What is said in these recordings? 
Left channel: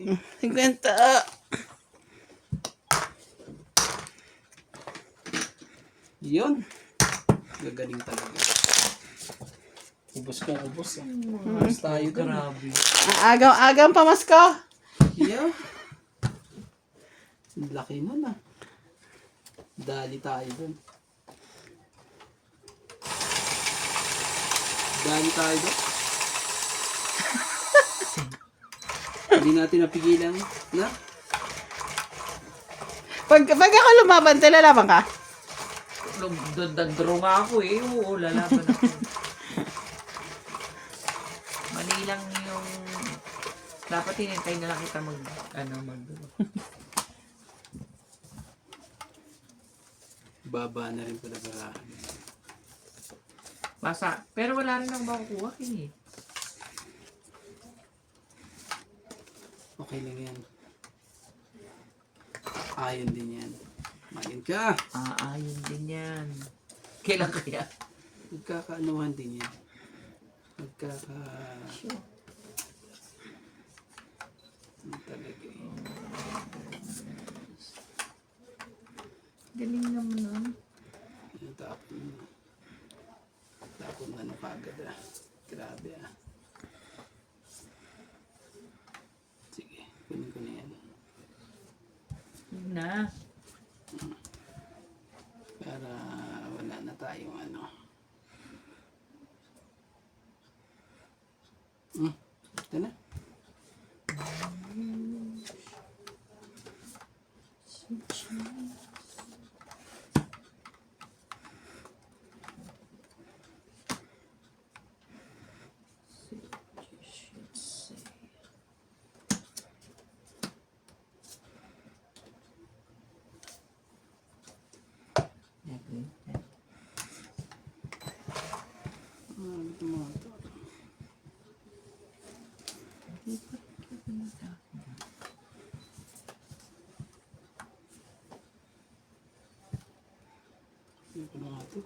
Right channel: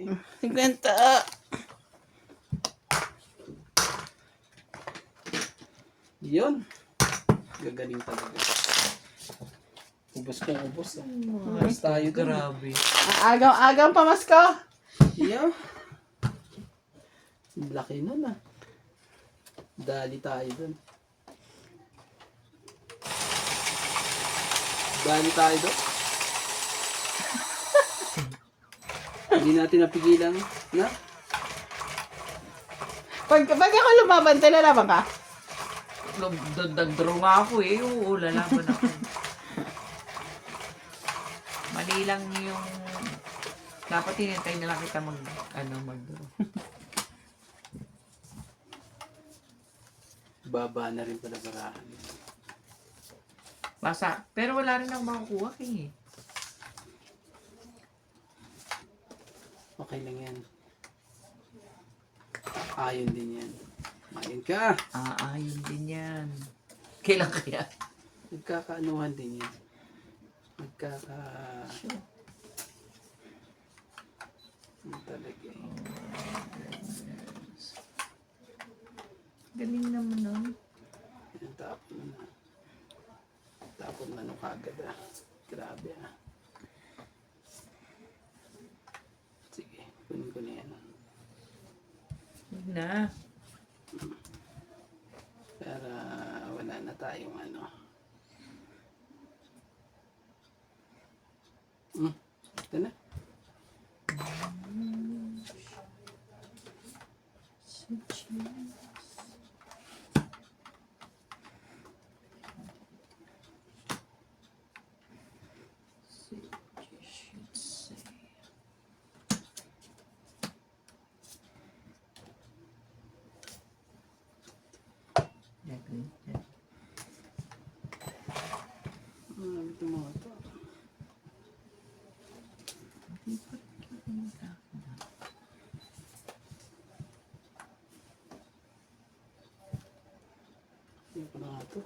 50. Yun. Gagaling talaga. Ubos kong ubos. Ubos tayo dun. Grabe. Agaw pamasko. Yeah. Laki nun ah. Dali tayo dun. Dali tayo dun. Hindi natin napigilan. Na? Pag ako lumaban, lalaban ka? Nag-draw nga ako eh. Oo, lalaban ako. Mali lang yung... Dapat hinintay na lang kita mag-draw. Baba na rin pala barahan. Basa. Pero wala rin akong makukuha eh. Okay lang yan. Ayon din yan. Ayon ka. Ayun din yan. Kailan kaya? Nagkakaanuhan din yan. Ano talaga eh. Galing naman nun. Yan, tapon na. Tapon na no kagad ah. Grabe ah. Sige, kunin ko na yan. Yun na. Para wala na tayong ano. Ito na. Ito mo ito. Ito na nga ito.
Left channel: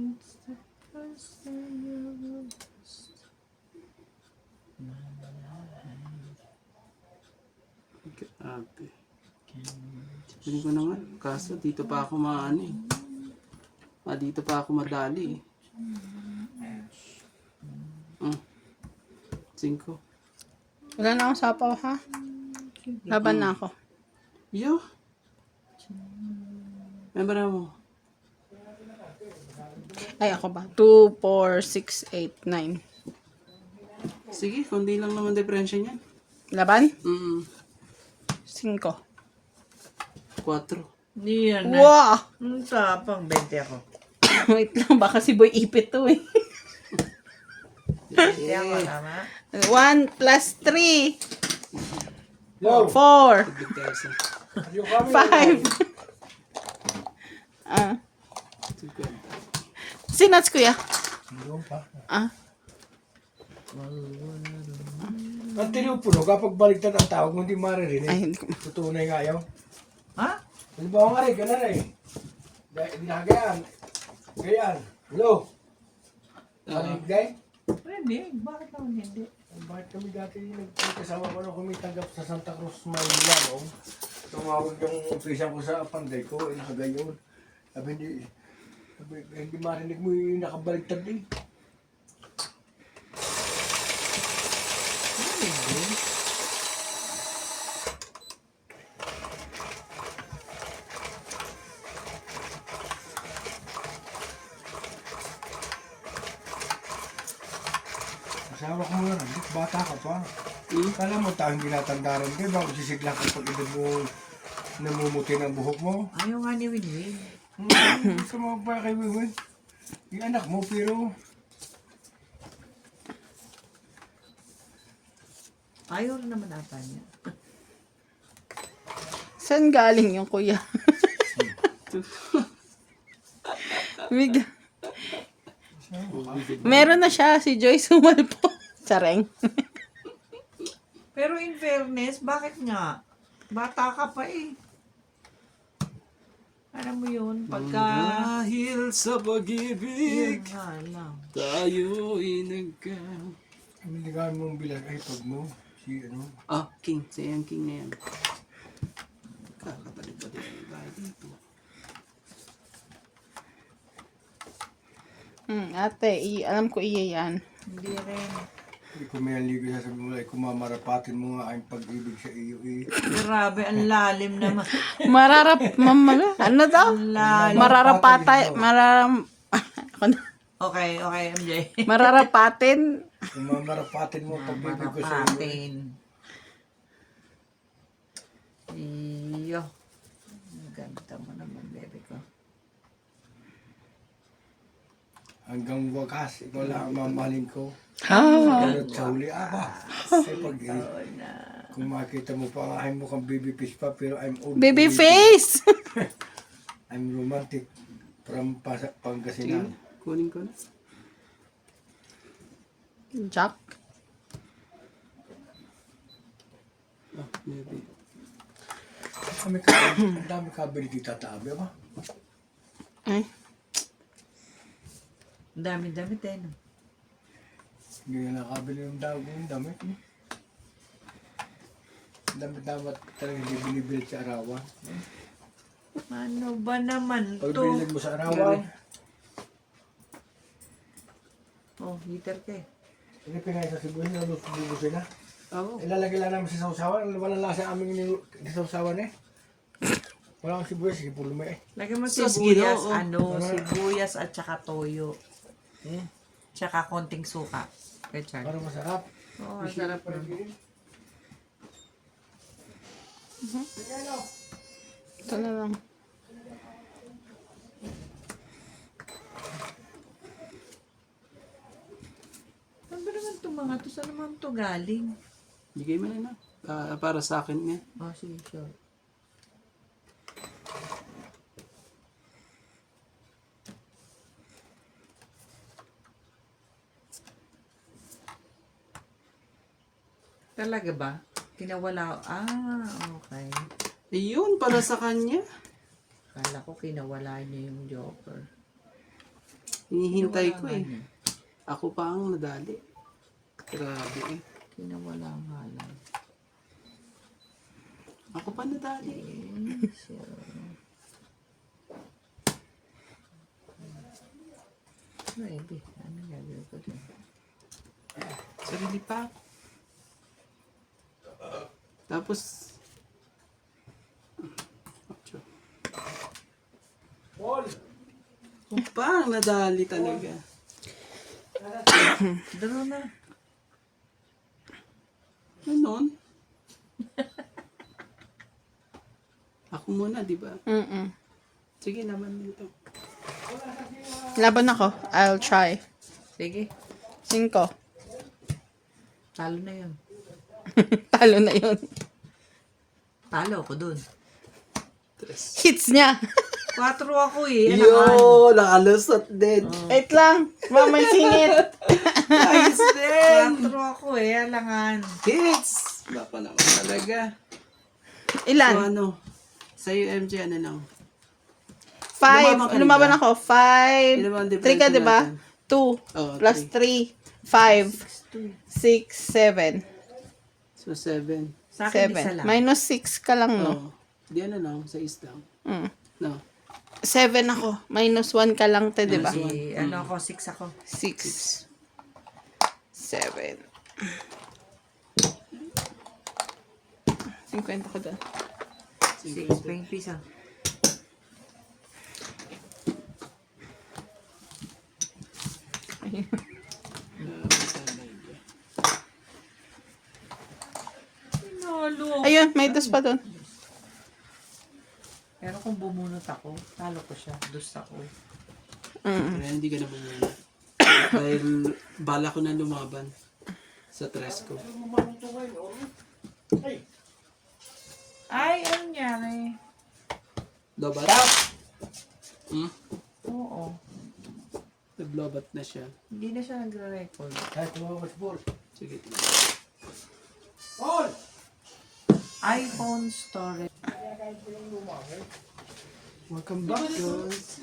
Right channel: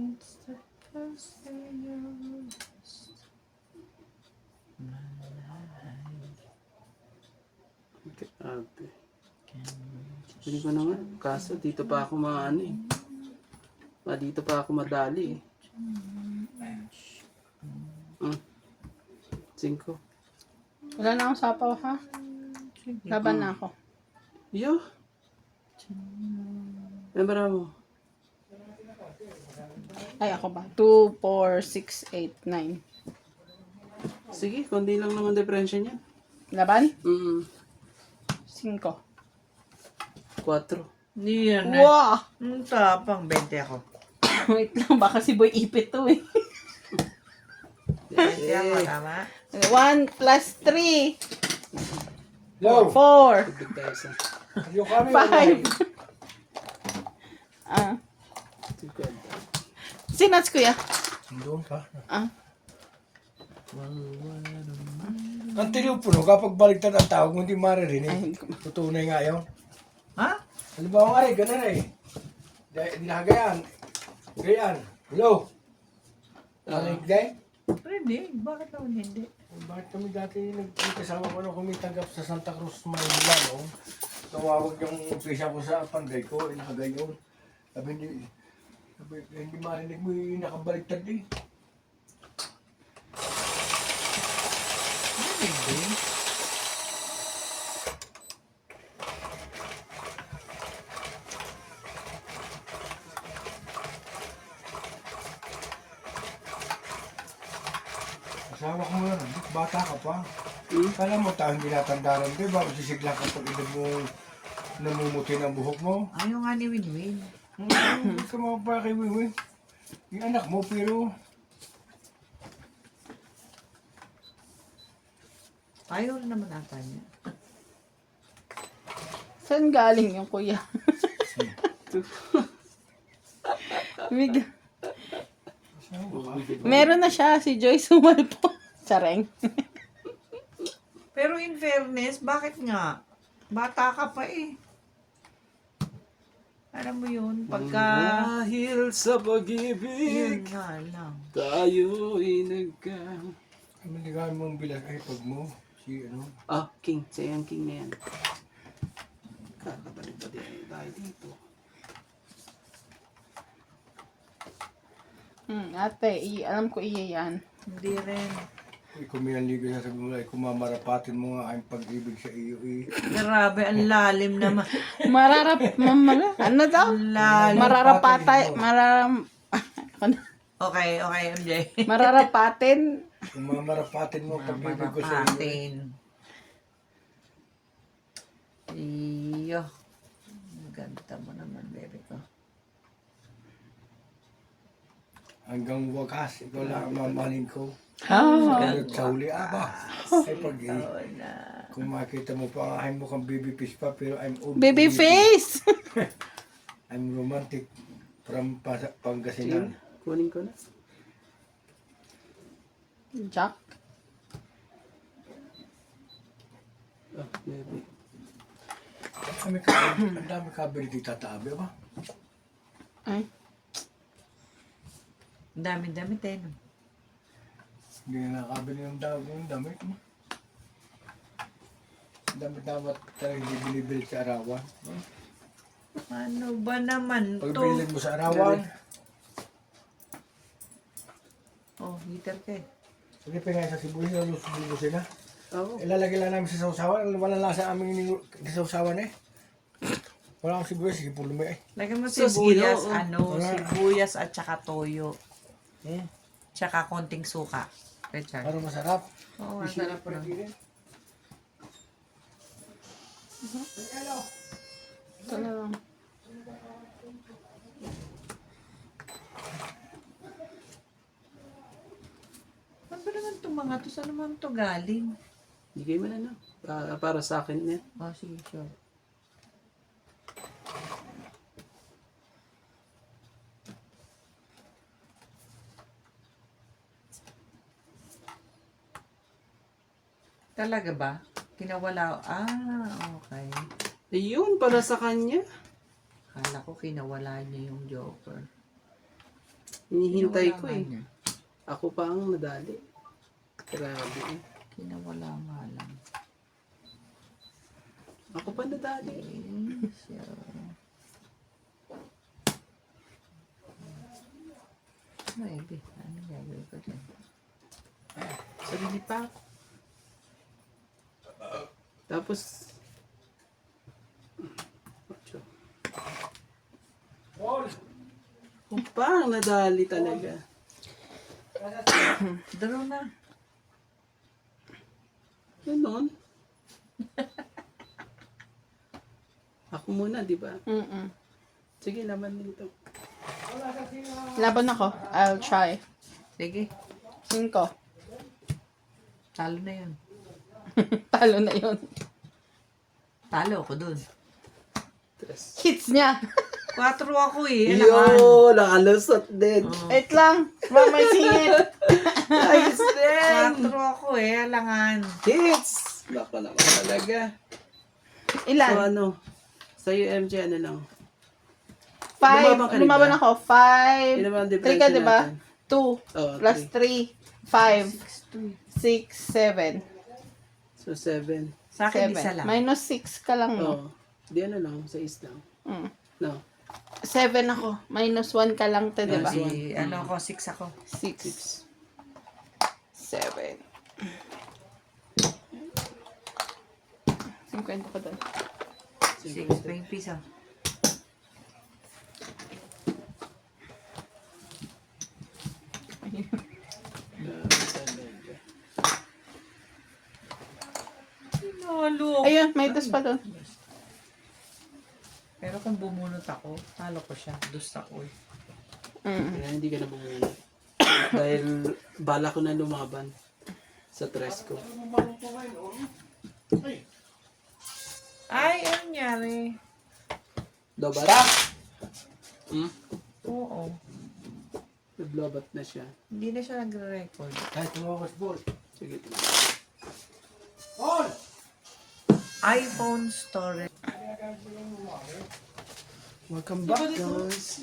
It's the first day of August. Ate. Hindi ko naman. Kaso dito pa ako maano eh. Dito pa ako madali eh. 5. Wala na akong sapaw, ha? Laban na ako. Yo. Membra mo. Ay, ako ba? 2, 4, 6, 8, 9. Sige, kundi lang naman diferensya niyan. Laban? 4. 5. Hindi yan na. Wow! Ang tapang 20 ako. Wait lang, baka si Boy ipit to eh. 20 ako, tama? 1 plus 3. Yo! 4. Tubig tayo sa 5. 50. Sinats, kuya? Doon pa. Ah. Ang telepono, kapag baliktad ang tawag mo, hindi maririnig. Ay, hindi ko. Tutunay nga yun. Ha? Halimbawa nga rin, ganun eh. Hindi na gayaan. Gayaan. Hello? Manig day? Pwede. Bakit naman hindi? Bakit kami dati nagkasama ko na kumitanggap sa Santa Cruz, Manila, no? Tumawag yung official ko sa panday ko, nakagayon. Sabi hindi marinig mo yung nakabaliktad eh. Hindi. Asawa ko nga, bata ka pa. Kala mo tayong ginatanda rin, di ba? Sisigla ka pag edad mo namumuti ng buhok mo. Ayaw nga ni Winwin. Gusto mo pa kay Wiwi? Yung anak mo, pero Ayaw rin naman ata niya. Saan galing yung kuya? Meron na siya, si Joyce Humalpo. Sareng. Pero in fairness, bakit nga? Bata ka pa eh. Alam mo yun, pagka... Dahil sa Yun pag-ibig, nga lang. tayo'y nagka... Ano hindi ka mong bilang ay pag mo? Si ano? Ah, king. Siya yung king na yan. Kakabalik pa din tayo dito. Ate, alam ko iya yan. Hindi rin. Kung may ligo sa sabi mo ay kumamarapatin mo nga ang pag-ibig sa iyo eh. Grabe, ang lalim naman. Ano daw? Ang lalim. Mararapatay, Okay, MJ. mararapatin. Kumamarapatin mo ang pag-ibig ko sa iyo. Marapatin. Iyo. Ganda mo naman, baby ko. Hanggang wakas, ikaw lang ang mamahalin ko. Ah, Sa huli, aba. Ay pag kung makita mo pa ang aking mukhang baby fish pa, pero I'm old. baby face. I'm romantic from Sige, Pangasinan. kunin ko na. Jack. Ah, maybe. Ang dami kabel dito tatabi ba? Ay, Ang dami-dami tayo. Hindi na nakabili yung damit. Ang dami dapat talaga hindi binibili sa arawan. Ano ba naman Pag to? bilhin mo sa arawan, Oh, heater ka eh. hindi pinay sa sibuyas, lubusin na. Oo. Ilalagay lang namin sa sausawan, wala lasa aming sausawan eh. Wala kang sibuyas, sige pulo mo eh. Lagyan mo Sus, sibuyas, Ginoo. sibuyas at saka toyo. Hmm? Tsaka konting suka. Richard. Para masarap. Oo, masarap na. ito na lang. Ano ba naman itong mga to? Saan naman to galing? Bigay mo na na. Para sa akin yan. Oh, sige, sure. Talaga ba? Kinawala. Okay. Ayun, para sa kanya. Kala ko kinawala niya yung Joker. Hinihintay ko Kinawala eh. nga niya. Ako pa ang nadali. Grabe eh. Kinawala nga lang. Ako pa nadali. Maybe. Ano gagawin ko dyan? Sarili pa. Tapos, kung pa ang nadali talaga. Draw na. Ganon. Ako muna, di ba? Sige naman dito. Laban ako. I'll try. Sige. 5. Talo na yun. Talo na yun. Talo ako dun. Tres. Hits niya. 4 ako eh. Yo, nakalusot din. Wait lang. Mamay singit. Ayos din. 4 ako eh. Alangan. Hits. Baka naman talaga. So Ilan? ano? Sa'yo, MJ, ano lang? 5. ka Lumaban ba? ako. 5. Yun naman ang 3 ka, difference diba? natin. 2. Oh, Plus 3. 5. 6. 7. So, 7. Sa akin isa 7. lang. Minus 6 ka lang, no? Oh. Di ano lang, sa lang. No. 7 ako. Minus 1 ka lang, te, diba? Ano ako, 6 ako. 6. 7. 50 ko doon. 6, 20 piso. Tinalo. Ayun, may dos pa doon. Pero kung bumunot ako, talo ko siya. Dus ako eh. Kaya hindi ka na bumuna. Dahil bala ko na lumaban sa tres ko. Ay, ano nangyari? Dapat? Hmm? Oo. Naglobat na siya. Hindi na siya nagre-record. Kahit tumakas ball. Sige. On! iPhone storage. Welcome back, guys.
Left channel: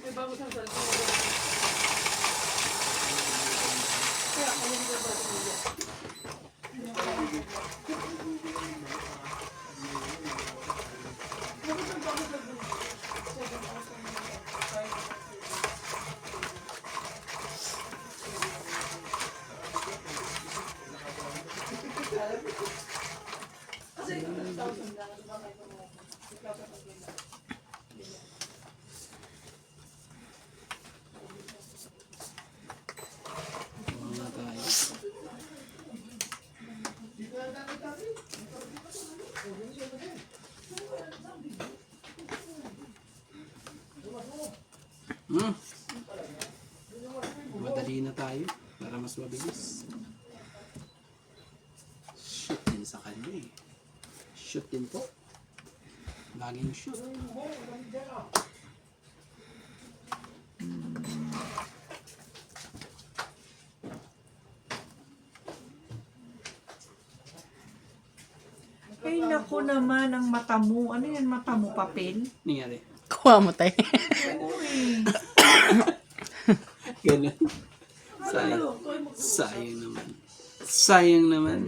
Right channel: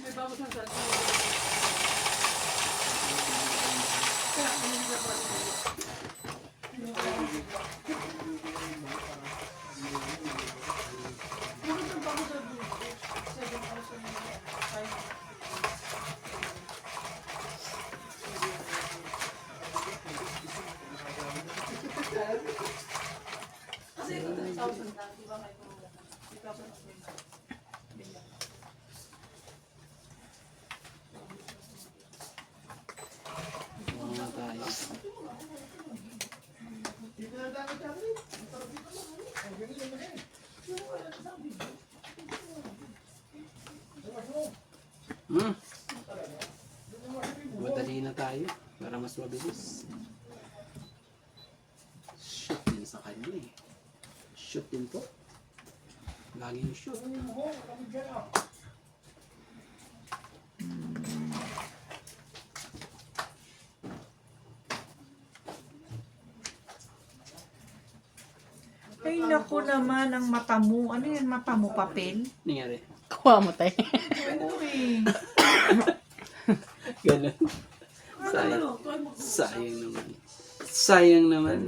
Mga tayo. Hmm. Madali na tayo para mas mabilis. Shoot din sa kanya eh. Shoot din po. Laging shoot. Ay, naku naman, ang mata mo. Ano yan, mata mo, papel? Nangyari. Kuha mo tayo. Uy. Ganun. Sayang. Sayang naman. Sayang naman.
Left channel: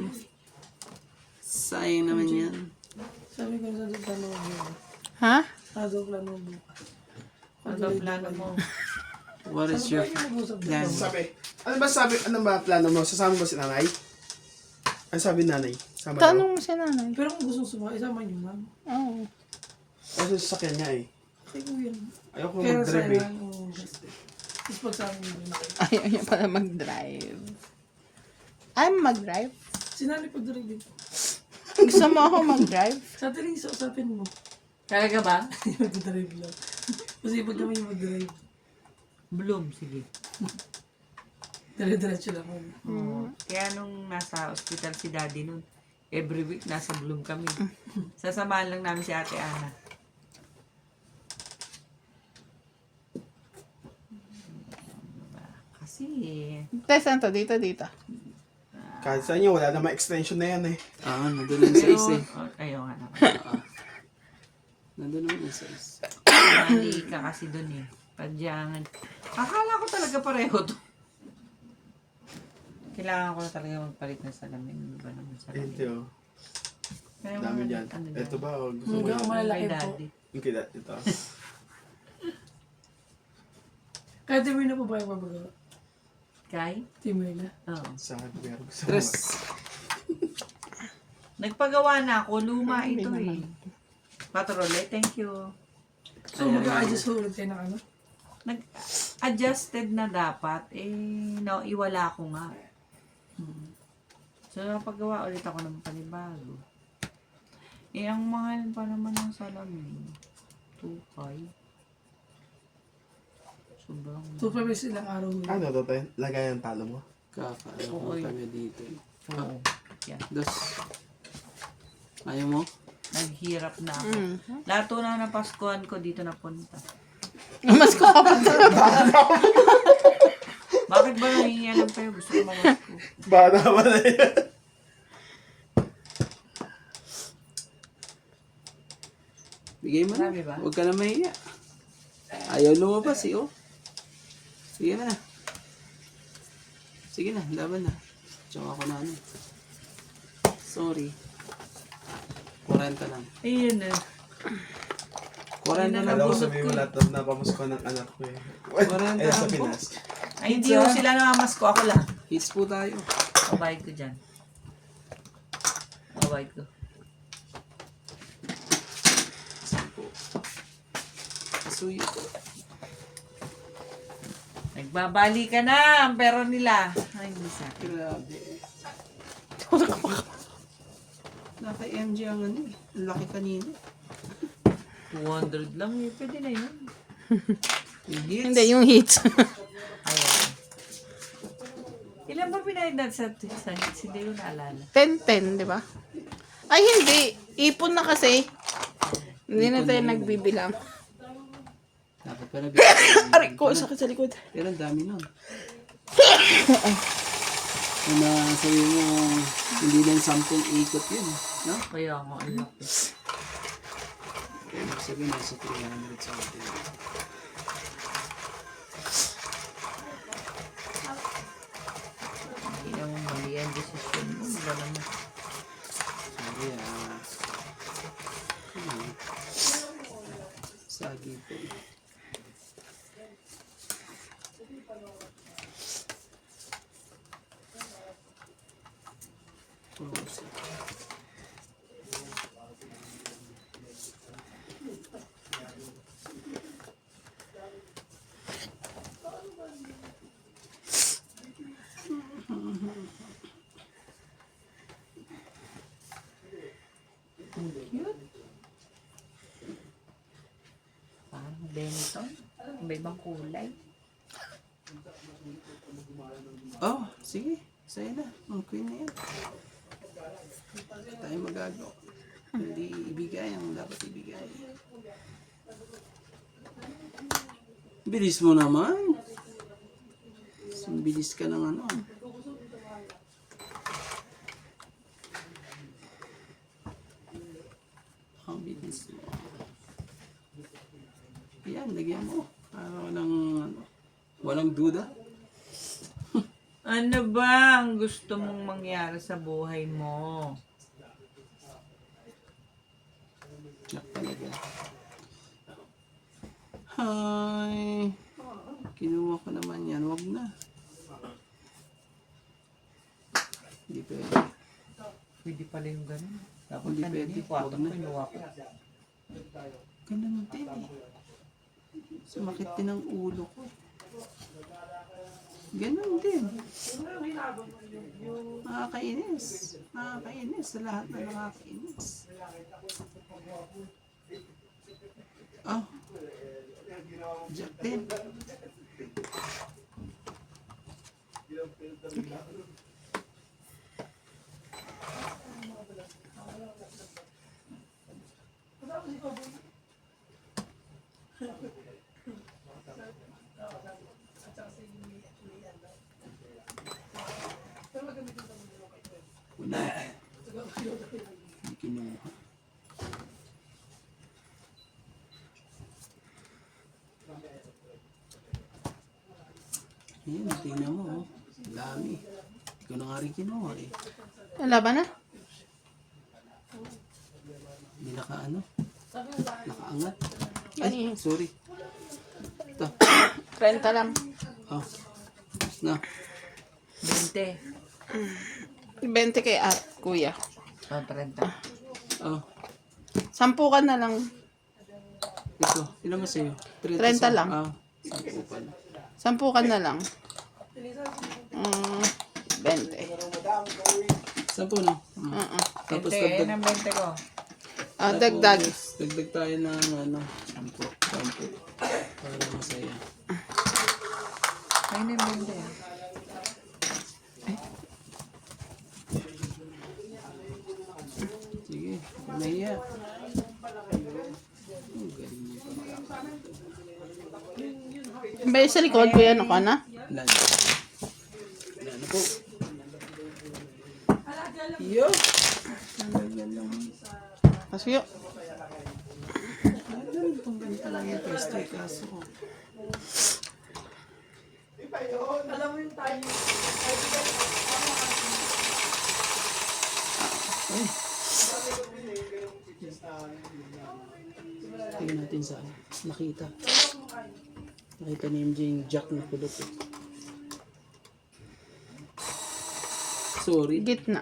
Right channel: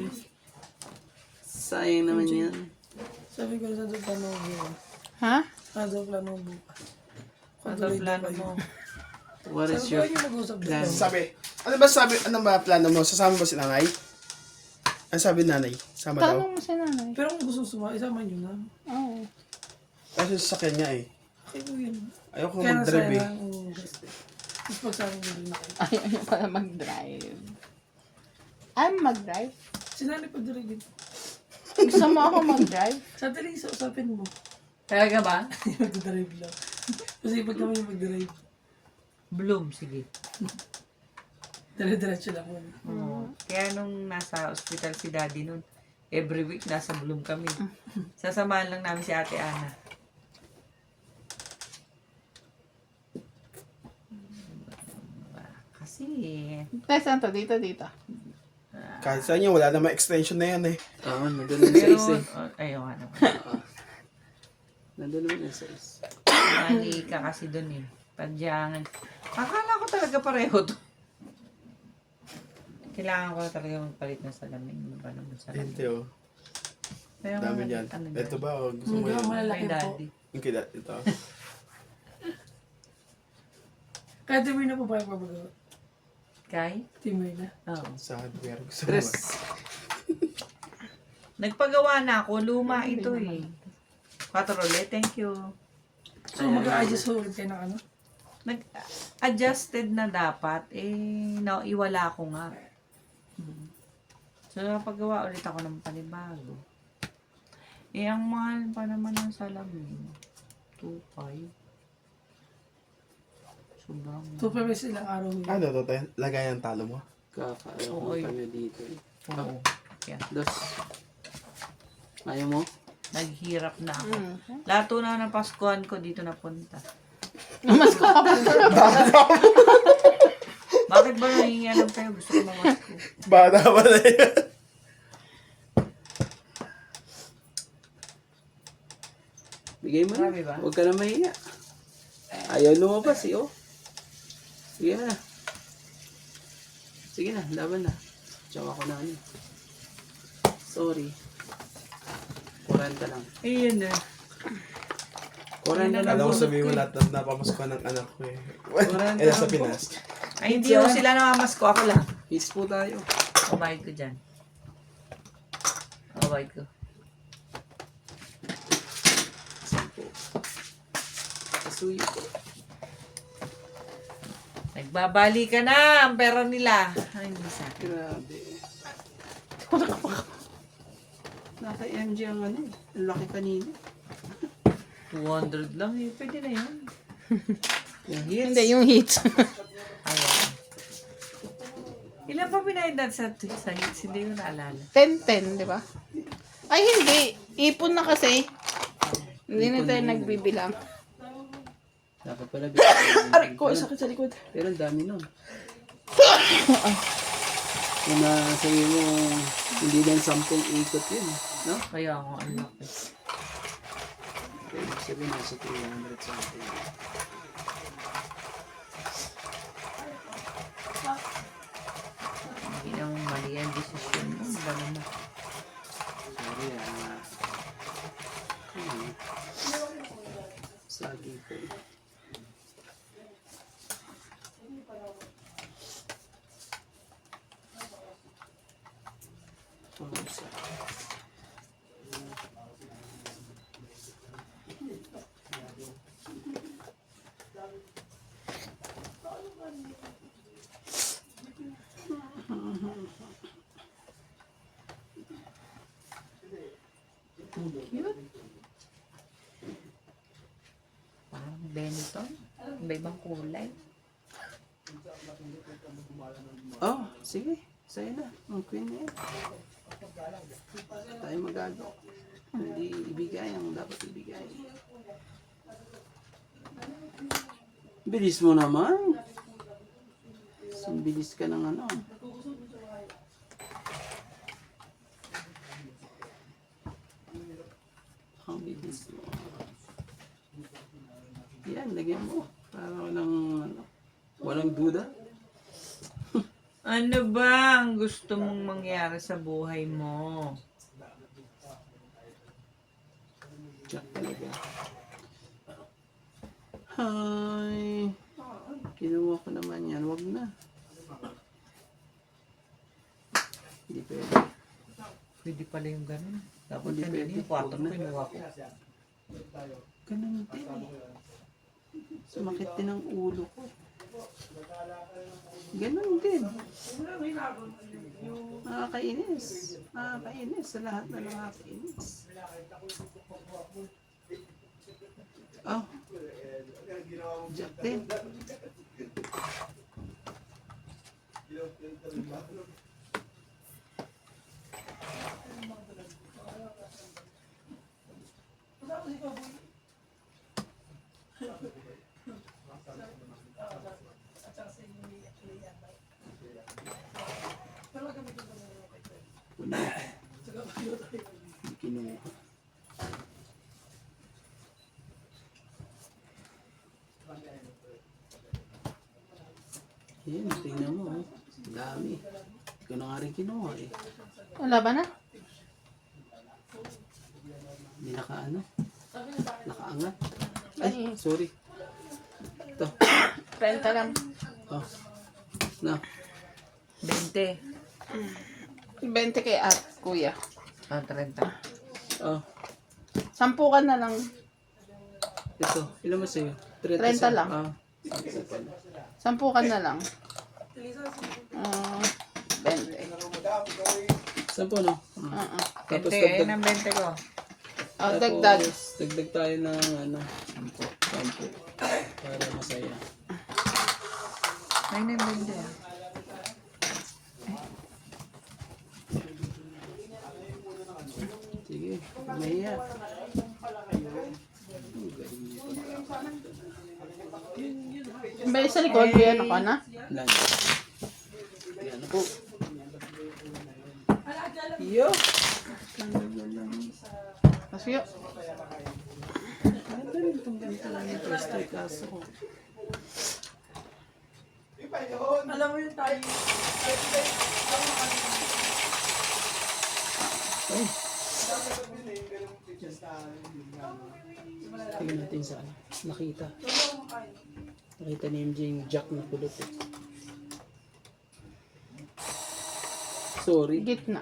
Sayang naman yan. Sabi ko sa plano mo. Ha? Sa plano mo bukas. Ano plano mo? What is your plan? Ano ba plano mo? Sasama ba si nanay? Ano sabi ni nanay? Sama daw? Tanong mo si nanay. Pero kung gusto suma, isama nyo na. Oo. Kasi sa kanya eh. Okay ko yun. Ayoko Kaya mag-drive eh. Tapos pag sa akin hindi na kayo. Ayaw niya pala mag-drive. Ay, mag-drive? Sinali pag-drive yun. Gusto mo ako mag-drive? Sa atin sa usapin mo. Talaga ba? Mag-drive lang. Kasi pag kami mag-drive, Bloom, sige. dire-diretso lang muna. Oo. Kaya nung nasa hospital si daddy nun, every week nasa Bloom kami. Sasamahan lang namin si Ate Ana. Kasi, Tess, saan to? Dito, dito. Kahit sa inyo, wala namang extension na yan eh. Nandun yung pero, size eh. ayaw nga naman. Nandun yung size. Mali ka kasi dun eh. Padyangan. Akala ko talaga pareho to. Kailangan ko talaga magpalit ng salamin. Ano ba naman salamin? Ito oh. Pero, Dami dyan. ano Ito daw? ba? O, gusto mo Hanggang yan? malalaki Kay po. daddy. Yung kila, ito. Kahit Timur na po ba yung mabagawa? Kay? Timur na. Oo. Sa hardware. Gusto mo Tres. ba? Nagpagawa na ako. Luma ito eh. Patrole, thank you. So mag-a-adjust ho ulit kayo ng ano? Nag-adjusted na dapat. Iwala ko nga. So, napagawa ulit ako ng panibago. Ang mahal pa naman ng salamin. 2.5. Sobrang. 2 pesos ilang araw ho. Ano to tayo? Lagay ang talo mo? Kakaano Oo, ko kami dito eh. Oo. Yan. Dos. Ayaw mo? Naghirap na ako. Mm. Lato na ng Paskuhan ko dito napunta. Mas ko ka pa. Bakit ba nangiyanan kayo? Gusto ko mamasko. Bata ba na yan? Bigay mo na. Marami ba? Huwag ka na mahiya. Ayaw lumabas eh, oh. Sige na. Sige na, laban na. Tsaka ko na ano. Sorry. 40 lang. Ayun na. 40 lang. Alam mo sabihin mo lahat na napamasko ng anak ko eh. Eh, sa Pinas. Ay, hindi ko sila namamasko. Ako lang. Hits po tayo. Kabayad ko dyan. Kabayad ko. Kasuyo ko. Nagbabali ka na ang pera nila. Ay, hindi sa akin. Grabe. Naka-MG ang ano eh. Ang laki kanina. 200 lang eh. Pwede na yun. Yung hits. Hindi, yung hits. Ayan. Ilan ba pinayad natin sa hits? Hindi ko naalala. 10-10, di ba? Ay, hindi. Ipon na kasi. Hindi na tayo nagbibilang. Dapat pala. Aray ko, sakit sa likod. Pero ang dami nun. Kung sabi mo, hindi lang 10 ikot yun. No? Kaya nga, ang laki. Ibig sabihin, nasa 300 something. Hindi naman mali ang desisyon mo. Ba naman? Sorry Sagi po. Cute. Parang Benetton. Iba-ibang kulay. Oh, sige. Sa'yo na. Ang queen na yan. Tayo magagawa. Hindi ibigay ang dapat ibigay. Bilis mo naman. Ang bilis ka ng ano. Ang bilis mo. Yan, lagyan mo. Para walang duda. Ano ba ang gusto mong mangyari sa buhay mo? Yak talaga. Hi. Kinuha ko naman yan. Wag na. Hindi pwede. Pwede pala yung ganun. Dapat Hindi kanina pwede. yung kwarto Huwag na. kinuha ko. Ganun din eh. Sumakit din ang ulo ko. Ganun din. Nakakainis. Nakakainis sa lahat na nakakainis. Oh. Jack din. Wala. Hindi kinuha. Yan, tingnan mo. Oh. Ang dami. Hindi ko na nga rin kinuha eh. Laban na? Hindi nakaangat. Ay, sorry. Ito. Renta lang. Oh. Na. 20. 20 kay kuya. O, 30. Oh. 10 ka na lang. Ito. Ilan mo sa'yo? 30 lang. Ah. 10 pala. 10 ka na lang. 20. 10 no? Tapos 20, dagdag. ng 20 ko. Dagdag. Tapos, dagdag tayo ng 10. Para masaya. Ay, ng 20 ah. Sige. Mahiya. Ba sa likod kuya, ano ka na? Lan. Yan na po. Yo. Kasi Itong ganito lang yung first day kaso ko. Alam mo yung tayo. Ay. Tingnan natin sa nakita. Nakita ni MJ yung jack na kulot eh. Sorry. gitna.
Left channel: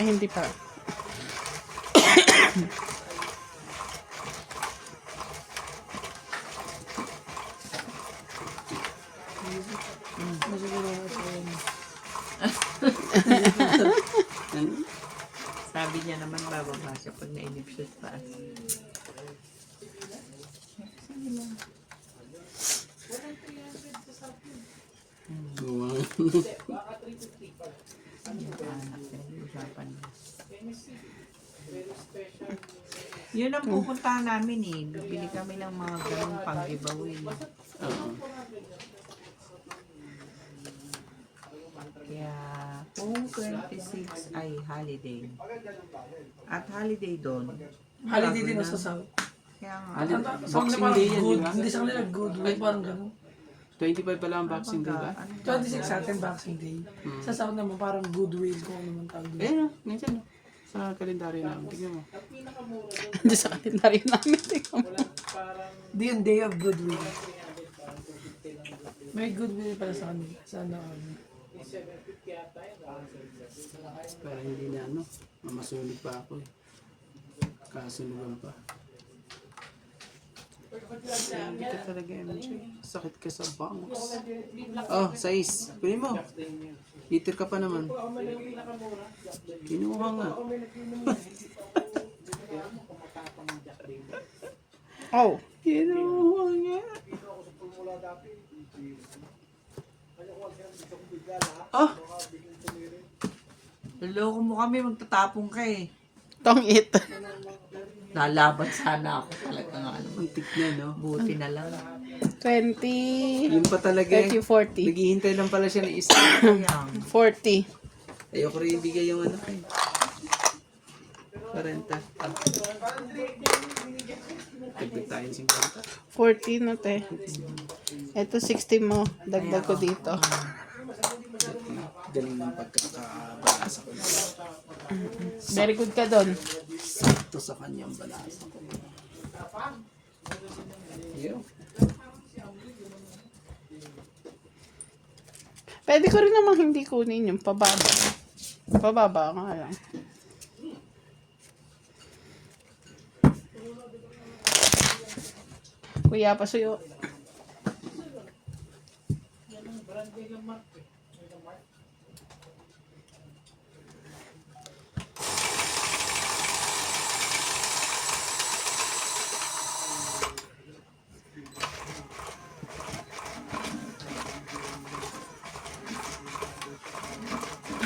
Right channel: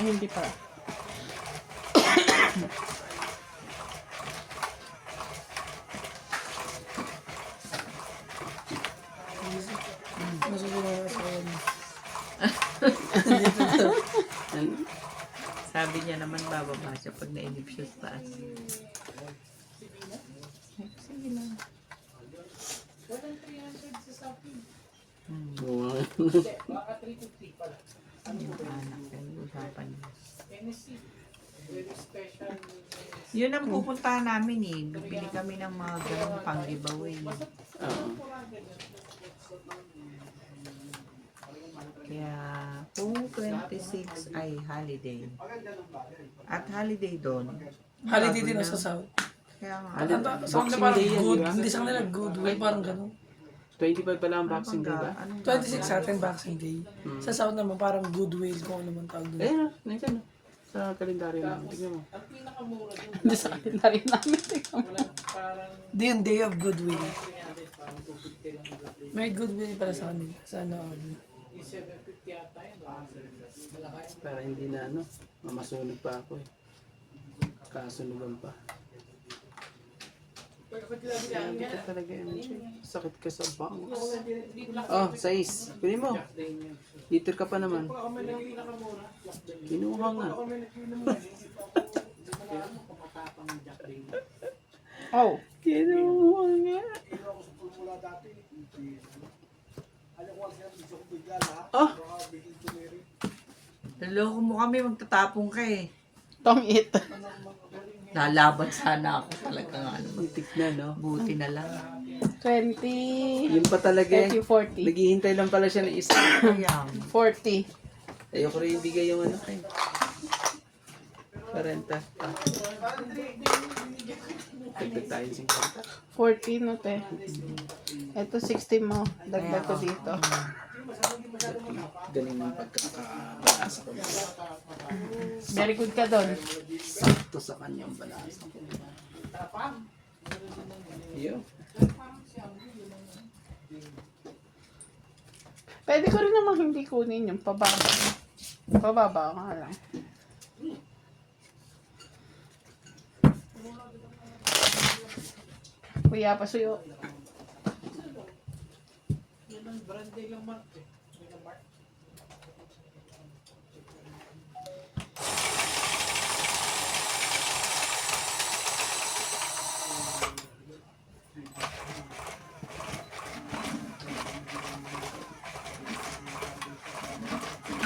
Eh, hindi pa. Ano? Sabi niya naman bababa siya pag nainip siya sa taas. Wow. Usapan niya. Yun ang pupuntahan namin eh. Bibili kami ng mga ganun pang giveaway. Oo. Kaya, kung 26 ay holiday. At holiday doon. Holiday din sa South. Kaya nga. Holiday. Sa kanila Boxing parang Day yan, good. di ba? Hindi sa kanila good way, parang ganun. 25 pala ang Boxing Day ba? 26 sa atin, Boxing Day. Sa South naman, parang good will kung ano man tawag doon. Eh, nandiyan no. Sa kalendaryo namin. Tingnan mo. Hindi sa kalendaryo namin. Tingnan mo. Di yung day of goodwill. May goodwill pala sa kanila. Sa ano. Para hindi na ano, mamasunog pa ako eh. Kasunugan pa. Hindi ka talaga MJ. Sakit ka sa bangs. Oh, 6. Kunin mo. Liter ka pa naman. Kinuha nga. Oh. Kinuha nga. Oh, Naloko mo kami, magtatapong ka eh. Tong it. Lalaban sana ako talaga nga. muntik na no. Buti na lang. 20, Yun pa talaga eh. 30, 40. Naghihintay lang pala siya ng isa. Kaya, 40. Ayoko rin ibigay yung ano kay 40. Dagdag tayo 50. 40 no te. Ito 60 mo. Dagdag ko dito. Galing ng pagkakabasa ko. Very good ka doon. Sakto sa kanyang balasa. Yun. Pwede ko rin namang hindi kunin yung pababa. Pababa nga lang. Kuya, pasuyo.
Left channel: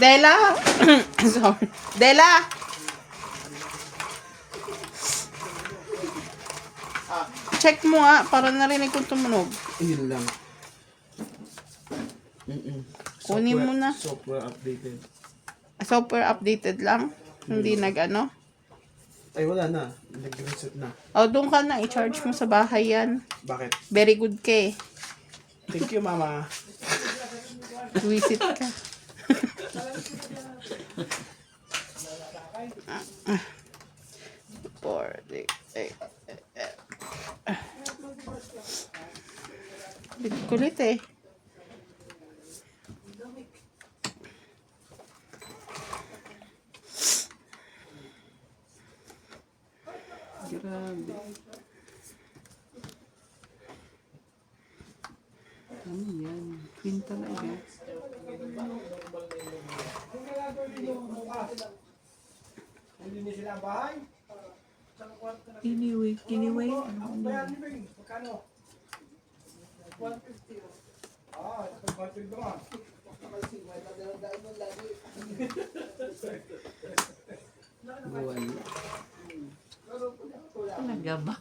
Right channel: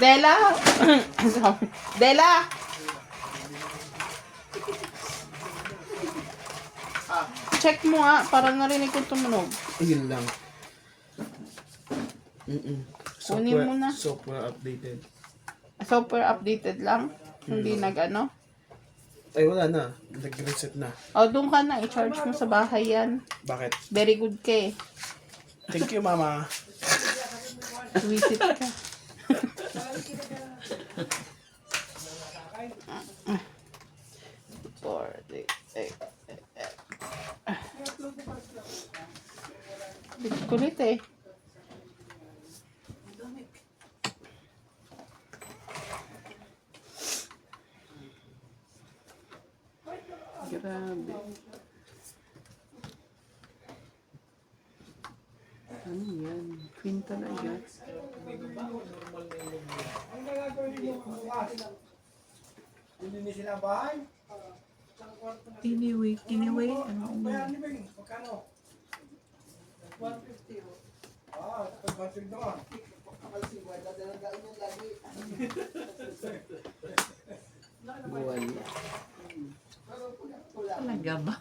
Dela! Sorry. Dela! Check mo nga, para narinig kong tumunog. Yun lang. Kunin mo na. Software updated. Super updated lang. Hindi nag-ano. Ay, wala na. Nag-reset na. O, doon ka na. I-charge mo sa bahay yan. Bakit? Very good ka eh. Thank you, mama. Visit ka. Four, six, eight. Kulit eh. Grabe. Ano yan? Queen talaga. anyway, ano. Buwan. Talaga ba?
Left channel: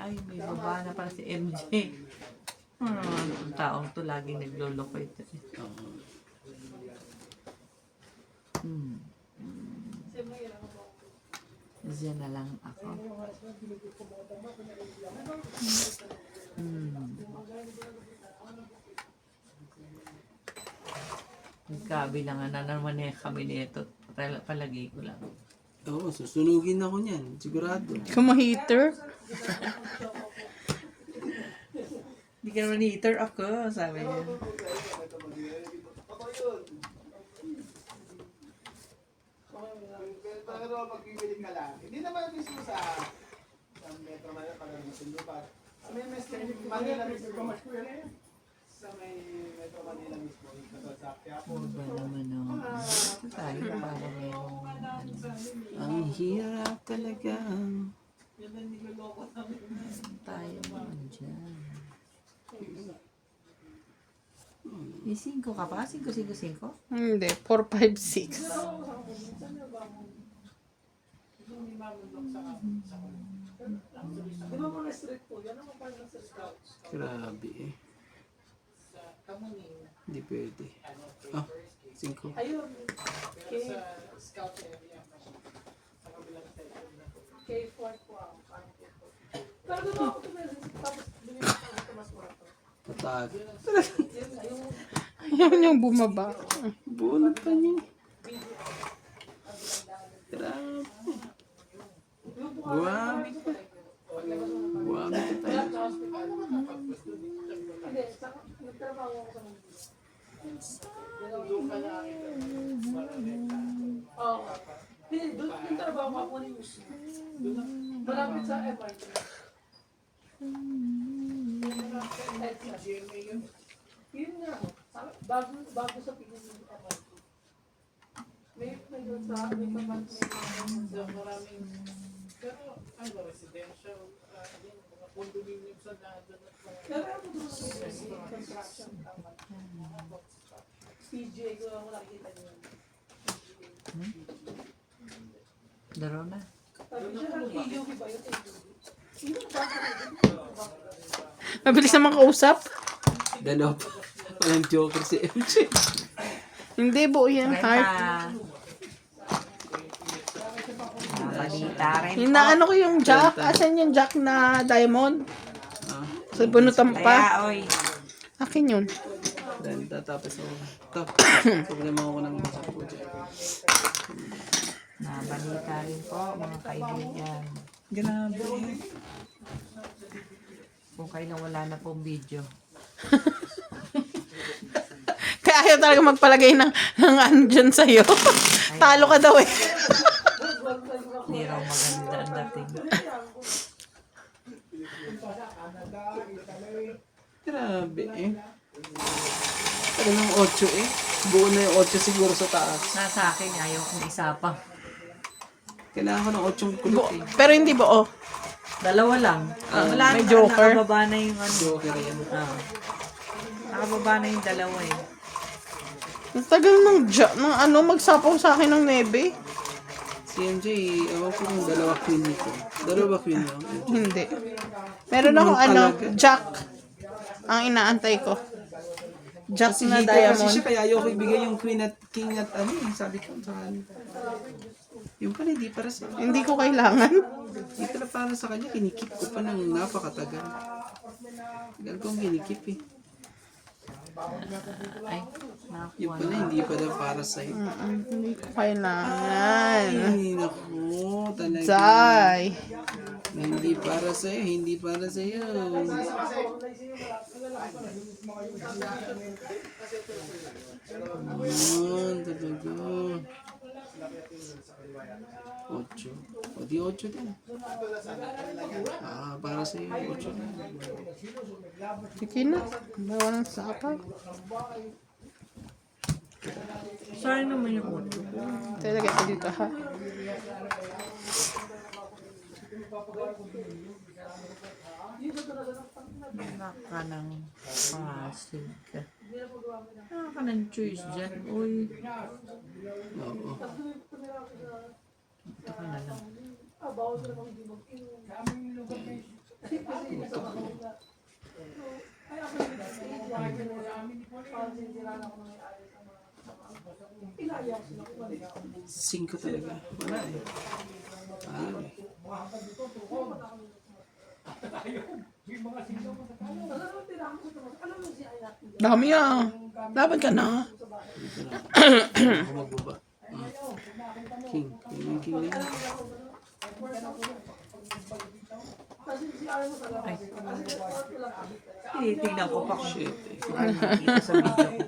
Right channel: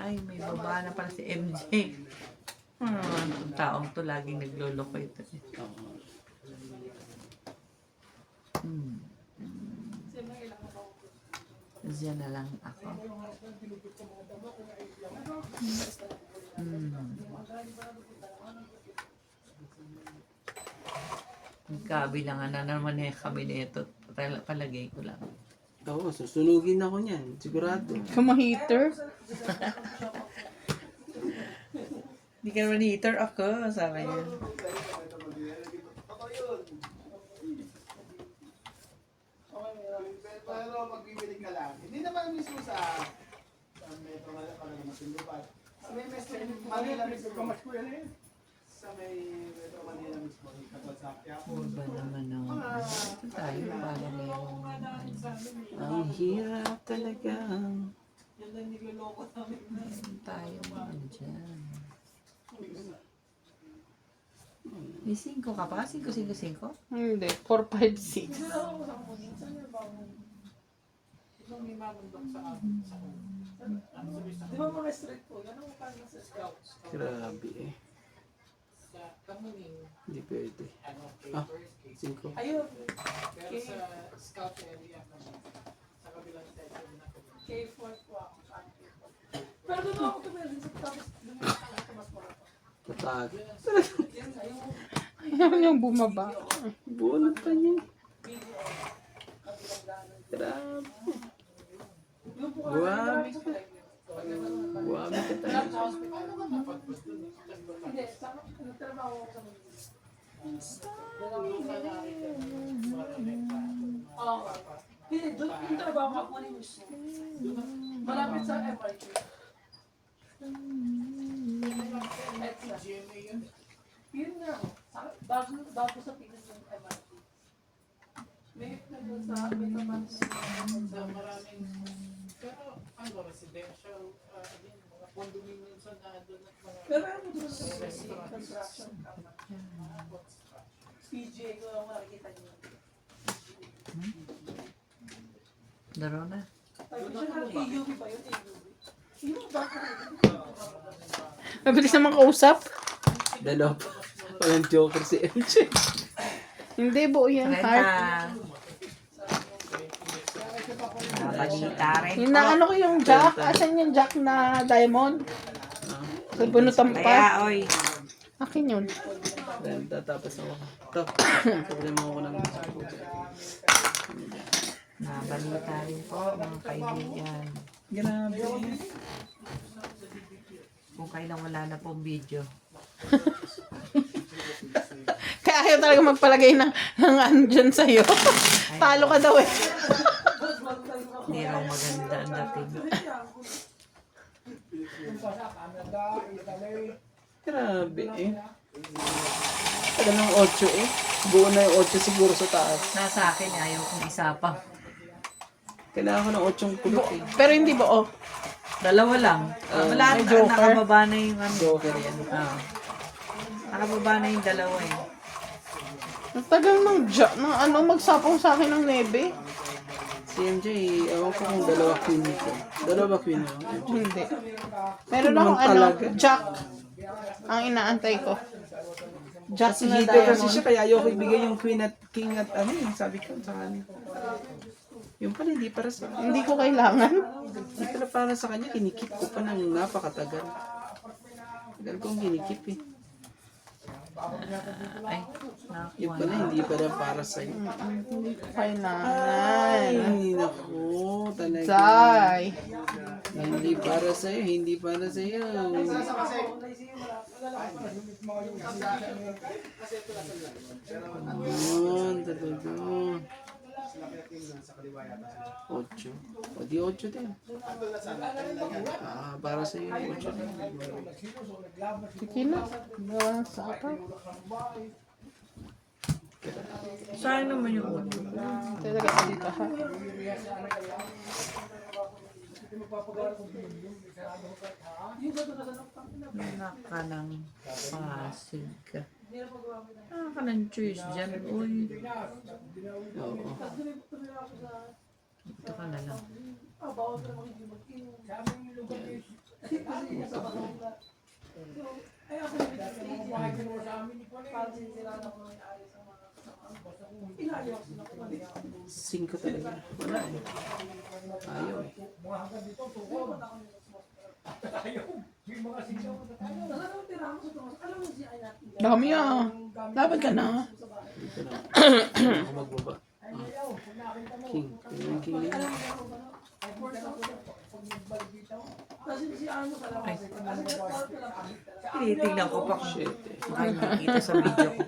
Ay, may baba na pala si MJ. Ang taong to laging nagloloko ito. Diyan na lang ako. Magkabilangan na naman kami nito. Palagay ko lang. Oo, susunugin ako niyan. Sigurado. Kumaheater. Hindi ka naman heater ako, sabi niya. Pero magbibili ka lang. Hindi naman mismo sa Metro Manila para masindupan. May Manila mismo. Sa may Metro Manila mismo. Katol sa Quiapo. Ba naman o. Ito tayo para merong Ang hirap talaga. tayo man dyan. May 5 ka pa? 5-5-5? Hindi, 4, 5, 6. Di ba mga street food? Ano mo parang sa scouts? Grabe eh. Hindi pwede. Ah, 5. Ayun. K4 po ako. Pero di ba ako tumili sa tapos bumili ako sa mas mura to. Katag. Yun, ayun. Ayaw niyang bumaba. Bunot pa niya. Grabe. Yung po Grabe. sa palengke. Grabe ka tayo. Hindi, nagtrabaho ako sa Manila. Oo. Hindi, doon yung trabaho ko ako ni mismo. Malapit sa MRT. Yun nga ako. Bago sa Pinas yung MRT. May doon sa may kaman maraming pero ano doon sa construction PGA ko lang nakikita niyo. Daro na. AUB ba yun? Yung Mabilis naman kausap. Dalawa pa. Walang joker si MJ. Hindi, buo yan, heart. Balita rin. Hinaano ko yung jack. Asan yung jack na diamond? Sa bunutan pa. Kaya, oy. Akin yun. Dahil tatapos ako. Ito. Problema ko ng mga po dyan. Nabalita rin po, mga kaibigan. Grabe. Kung kailan wala na pong video. Kaya ayaw talaga magpalagay ng andyan sa'yo. Talo ka daw eh. Hindi raw maganda ang dating. Grabe eh. Alam mo yung 8 eh. Buo na yung 8 siguro sa taas. Nasa akin, ayaw kong isa pa. Kailangan ko ng 8 kulot eh. Pero hindi buo. Dalawa lang. Wala may na, joker. nakababa na yung ano. Joker yan. Nakababa na yung dalawa eh. Ang tagal ng jack, ng ano, magsapaw sa akin ng nebe. Si MJ, ewan ko kung dalawa queen nito. Dalawa queen mo. Hindi. Meron akong ano, jack. Ang inaantay ko. Jack Kasi na hito kasi diamond. siya, kaya ayaw ko ibigay yung queen at king at ano eh. Sabi ko sa kanya. Yung pala, hindi para sa Hindi ko kailangan. Hindi pala para sa kanya, kinikip ko pa ng napakatagal. Tagal kong kinikip eh. Ay, Yung nakuha pala, na. hindi pala para sa'yo. Hindi ko kailangan. Ay, naku, talaga. Zay. Hindi para sa'yo, hindi para sa'yo. Ayan, talaga. 8. O di 8 din. Ah, para sa'yo, 8 din. Sige na. Bawang sapaw. Saan naman yung ulo? Talaga ito dito ha. Anak ka ng pasig ka. Anak ka ng choice dyan. Uy, Oo. ito ka na lang. Singko talaga. Wala eh. Ayaw eh. Dami ah. Laban ka na. Dito na. Ako magbaba. King. Yung king na yun. Tinitignan ko pa kung Shit eh. makikita sa video ko.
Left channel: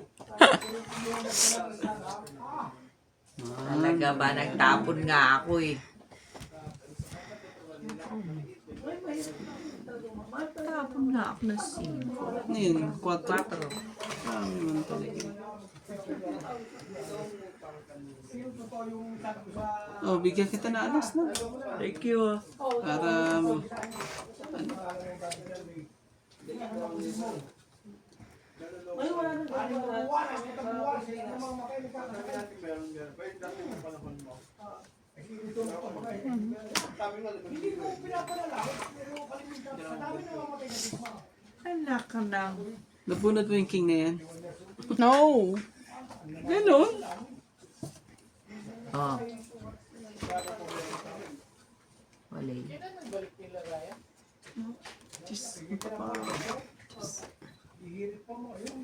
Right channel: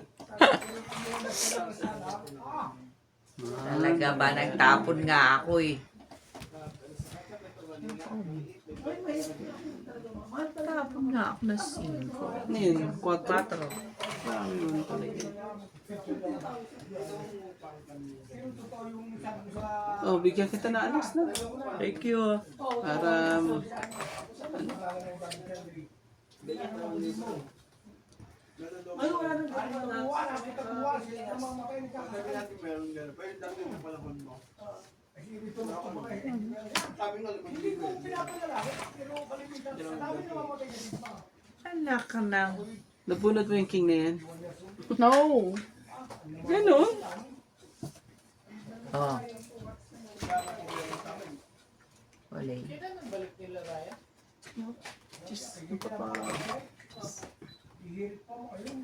Talaga ba? Nagtapon nga ako eh. Tapon nga ako na 5. Ano yun? 4? Marami naman talaga yun. Oh, bigyan kita na alas na. Thank you. Para Ay, wala nang Ano gagawa yung buwan? na. Ang tabuhan. Sila namang makinig ka. Sabi natin meron gano'n. Pero dati yung panahon mo. Hindi ko sabi nga, hindi ko pinapalala. Pero kalimitan. Sa dami na mamatay na digma. Anak ka nang. Nabunot mo yung king na yan? No. Ganon. Oh. Wala. Ihirit pa mo. Ayun.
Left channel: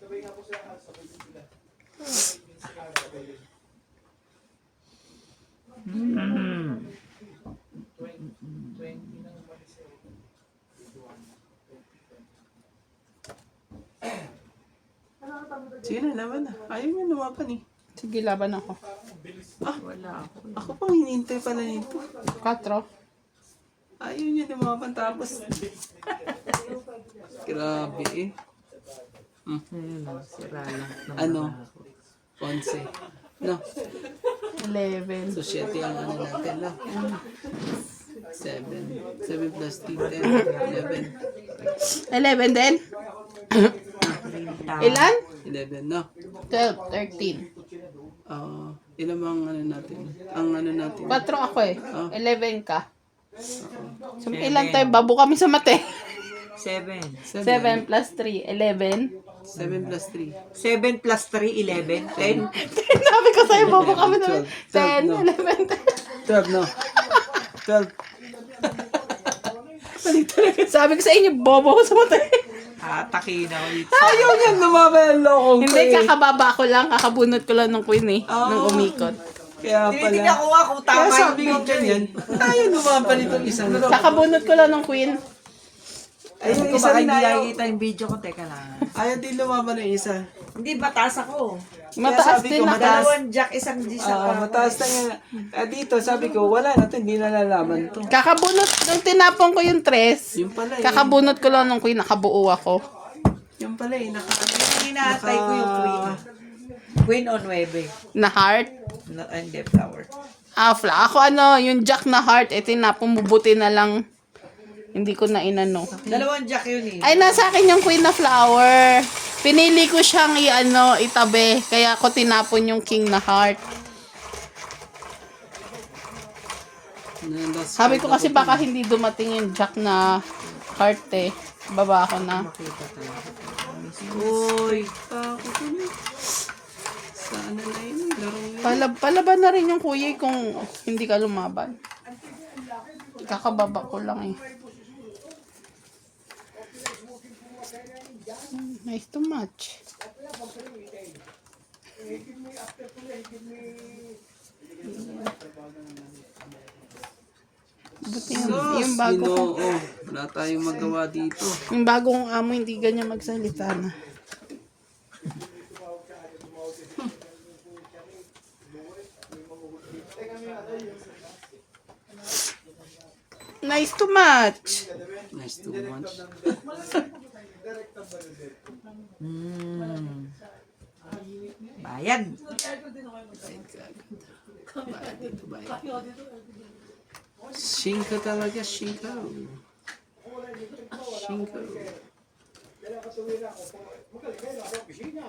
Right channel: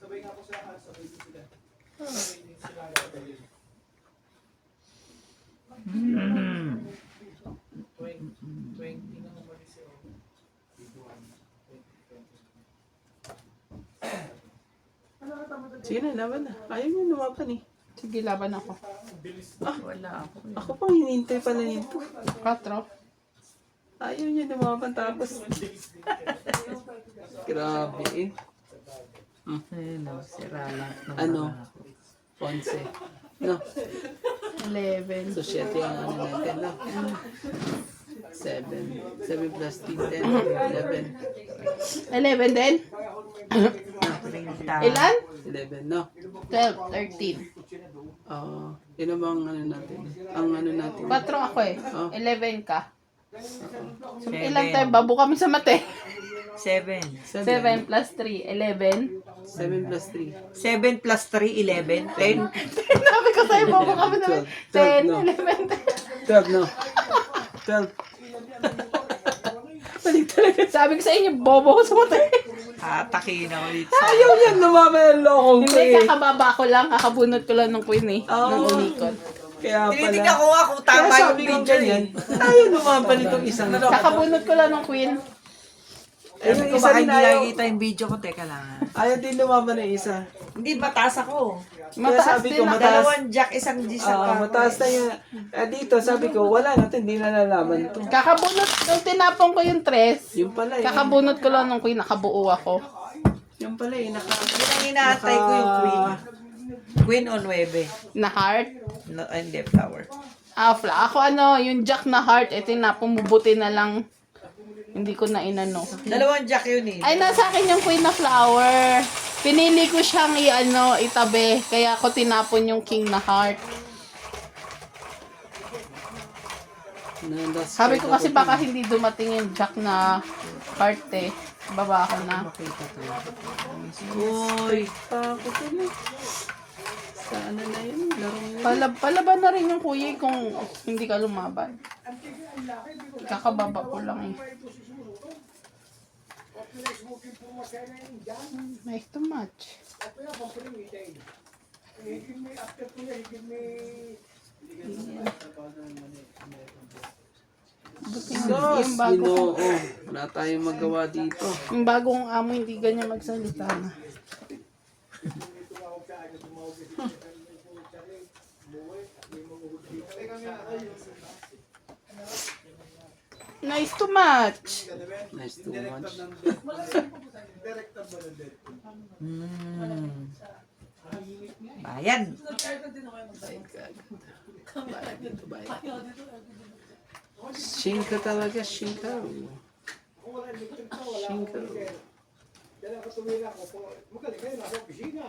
Sabay nga po sila. Sabay din sila. Mm. 20 na umalis siya. Sige na, laban na. Ayaw mo lumaban eh. Sige, laban ako. Wala ako. Ako pang hinihintay pala nito. 4. Ayaw niya lumaban tapos. Grabe eh. Ayun na, sira lang. ng Ano? baraha ko. 11. No? 11. So, 7 ang ano natin, no? 7. 7 plus 3, 10. 11. 11 din? Rinta. Ilan? 11, no? 12, 13. Yun ang ano natin. Ang ano natin. 4 ako eh. Oh. 11 ka. So, ilan tayo? Babo kami sa mate. 7. 7 plus 3, 11. 7 plus 3. 7 plus 3, 11. 10. Sabi ko sa'yo, babo kami sa 12, 10, no? 11. 12, no? 12. Balik talaga. Sabi ko sa inyo, bobo ko sa mate. Atakin ako dito. Ayaw niya lumaban ang lokong ko Hindi, eh. kakababa ko lang. Kakabunot ko lang ng queen eh. Nung umikot. Kaya Tinitignan pala. ko nga kung Kaya tama yung sabi ko picture ganyan. eh. Ayaw lumaban itong isang. Kakabunot ko lang ng queen. Ay, Sabi yung ko isa baka rin hindi ayaw. nakikita yung video ko. Teka lang. Ayaw din lumaban ng isa. Hindi, mataas ako. Mataas sabi din ko, ako. mataas. Dalawang jack, isang G sa pa. Mataas na yung... dito, sabi ko, wala na ito, hindi na nalaman to. Kakabunot, nung tinapon ko yung 3, Yung pala eh. kakabunot ko lang ng queen. Nakabuo ako. Yung pala eh. Yung inaantay ko yung queen. Queen on 9. Na heart. No, hindi, flower. Ako yung jack na heart, tinapon, bubuti na lang. Hindi ko na inano. Dalawang jack yun eh. Ay, nasa akin yung queen na flower. Pinili ko siyang itabi. Kaya ako tinapon yung king na heart. Sabi ko kasi baka hindi dumating yung jack na heart eh. Baba ako na. Uy. Ako ko na. Sa ano na yun? Laro yun. Palaban na rin yung kuya kung hindi ka lumaban. Kakababa ko lang eh. Nice to match. Buti yung bago ko. Ginoo. Wala tayong magawa dito. Yung bagong amo hindi ganyan magsalita na. Nice to match. Nice to watch. Bayan. Shinka talaga, shinka. Shinka. Dala ka tumira ko po. Magaling kayo nasa opisina.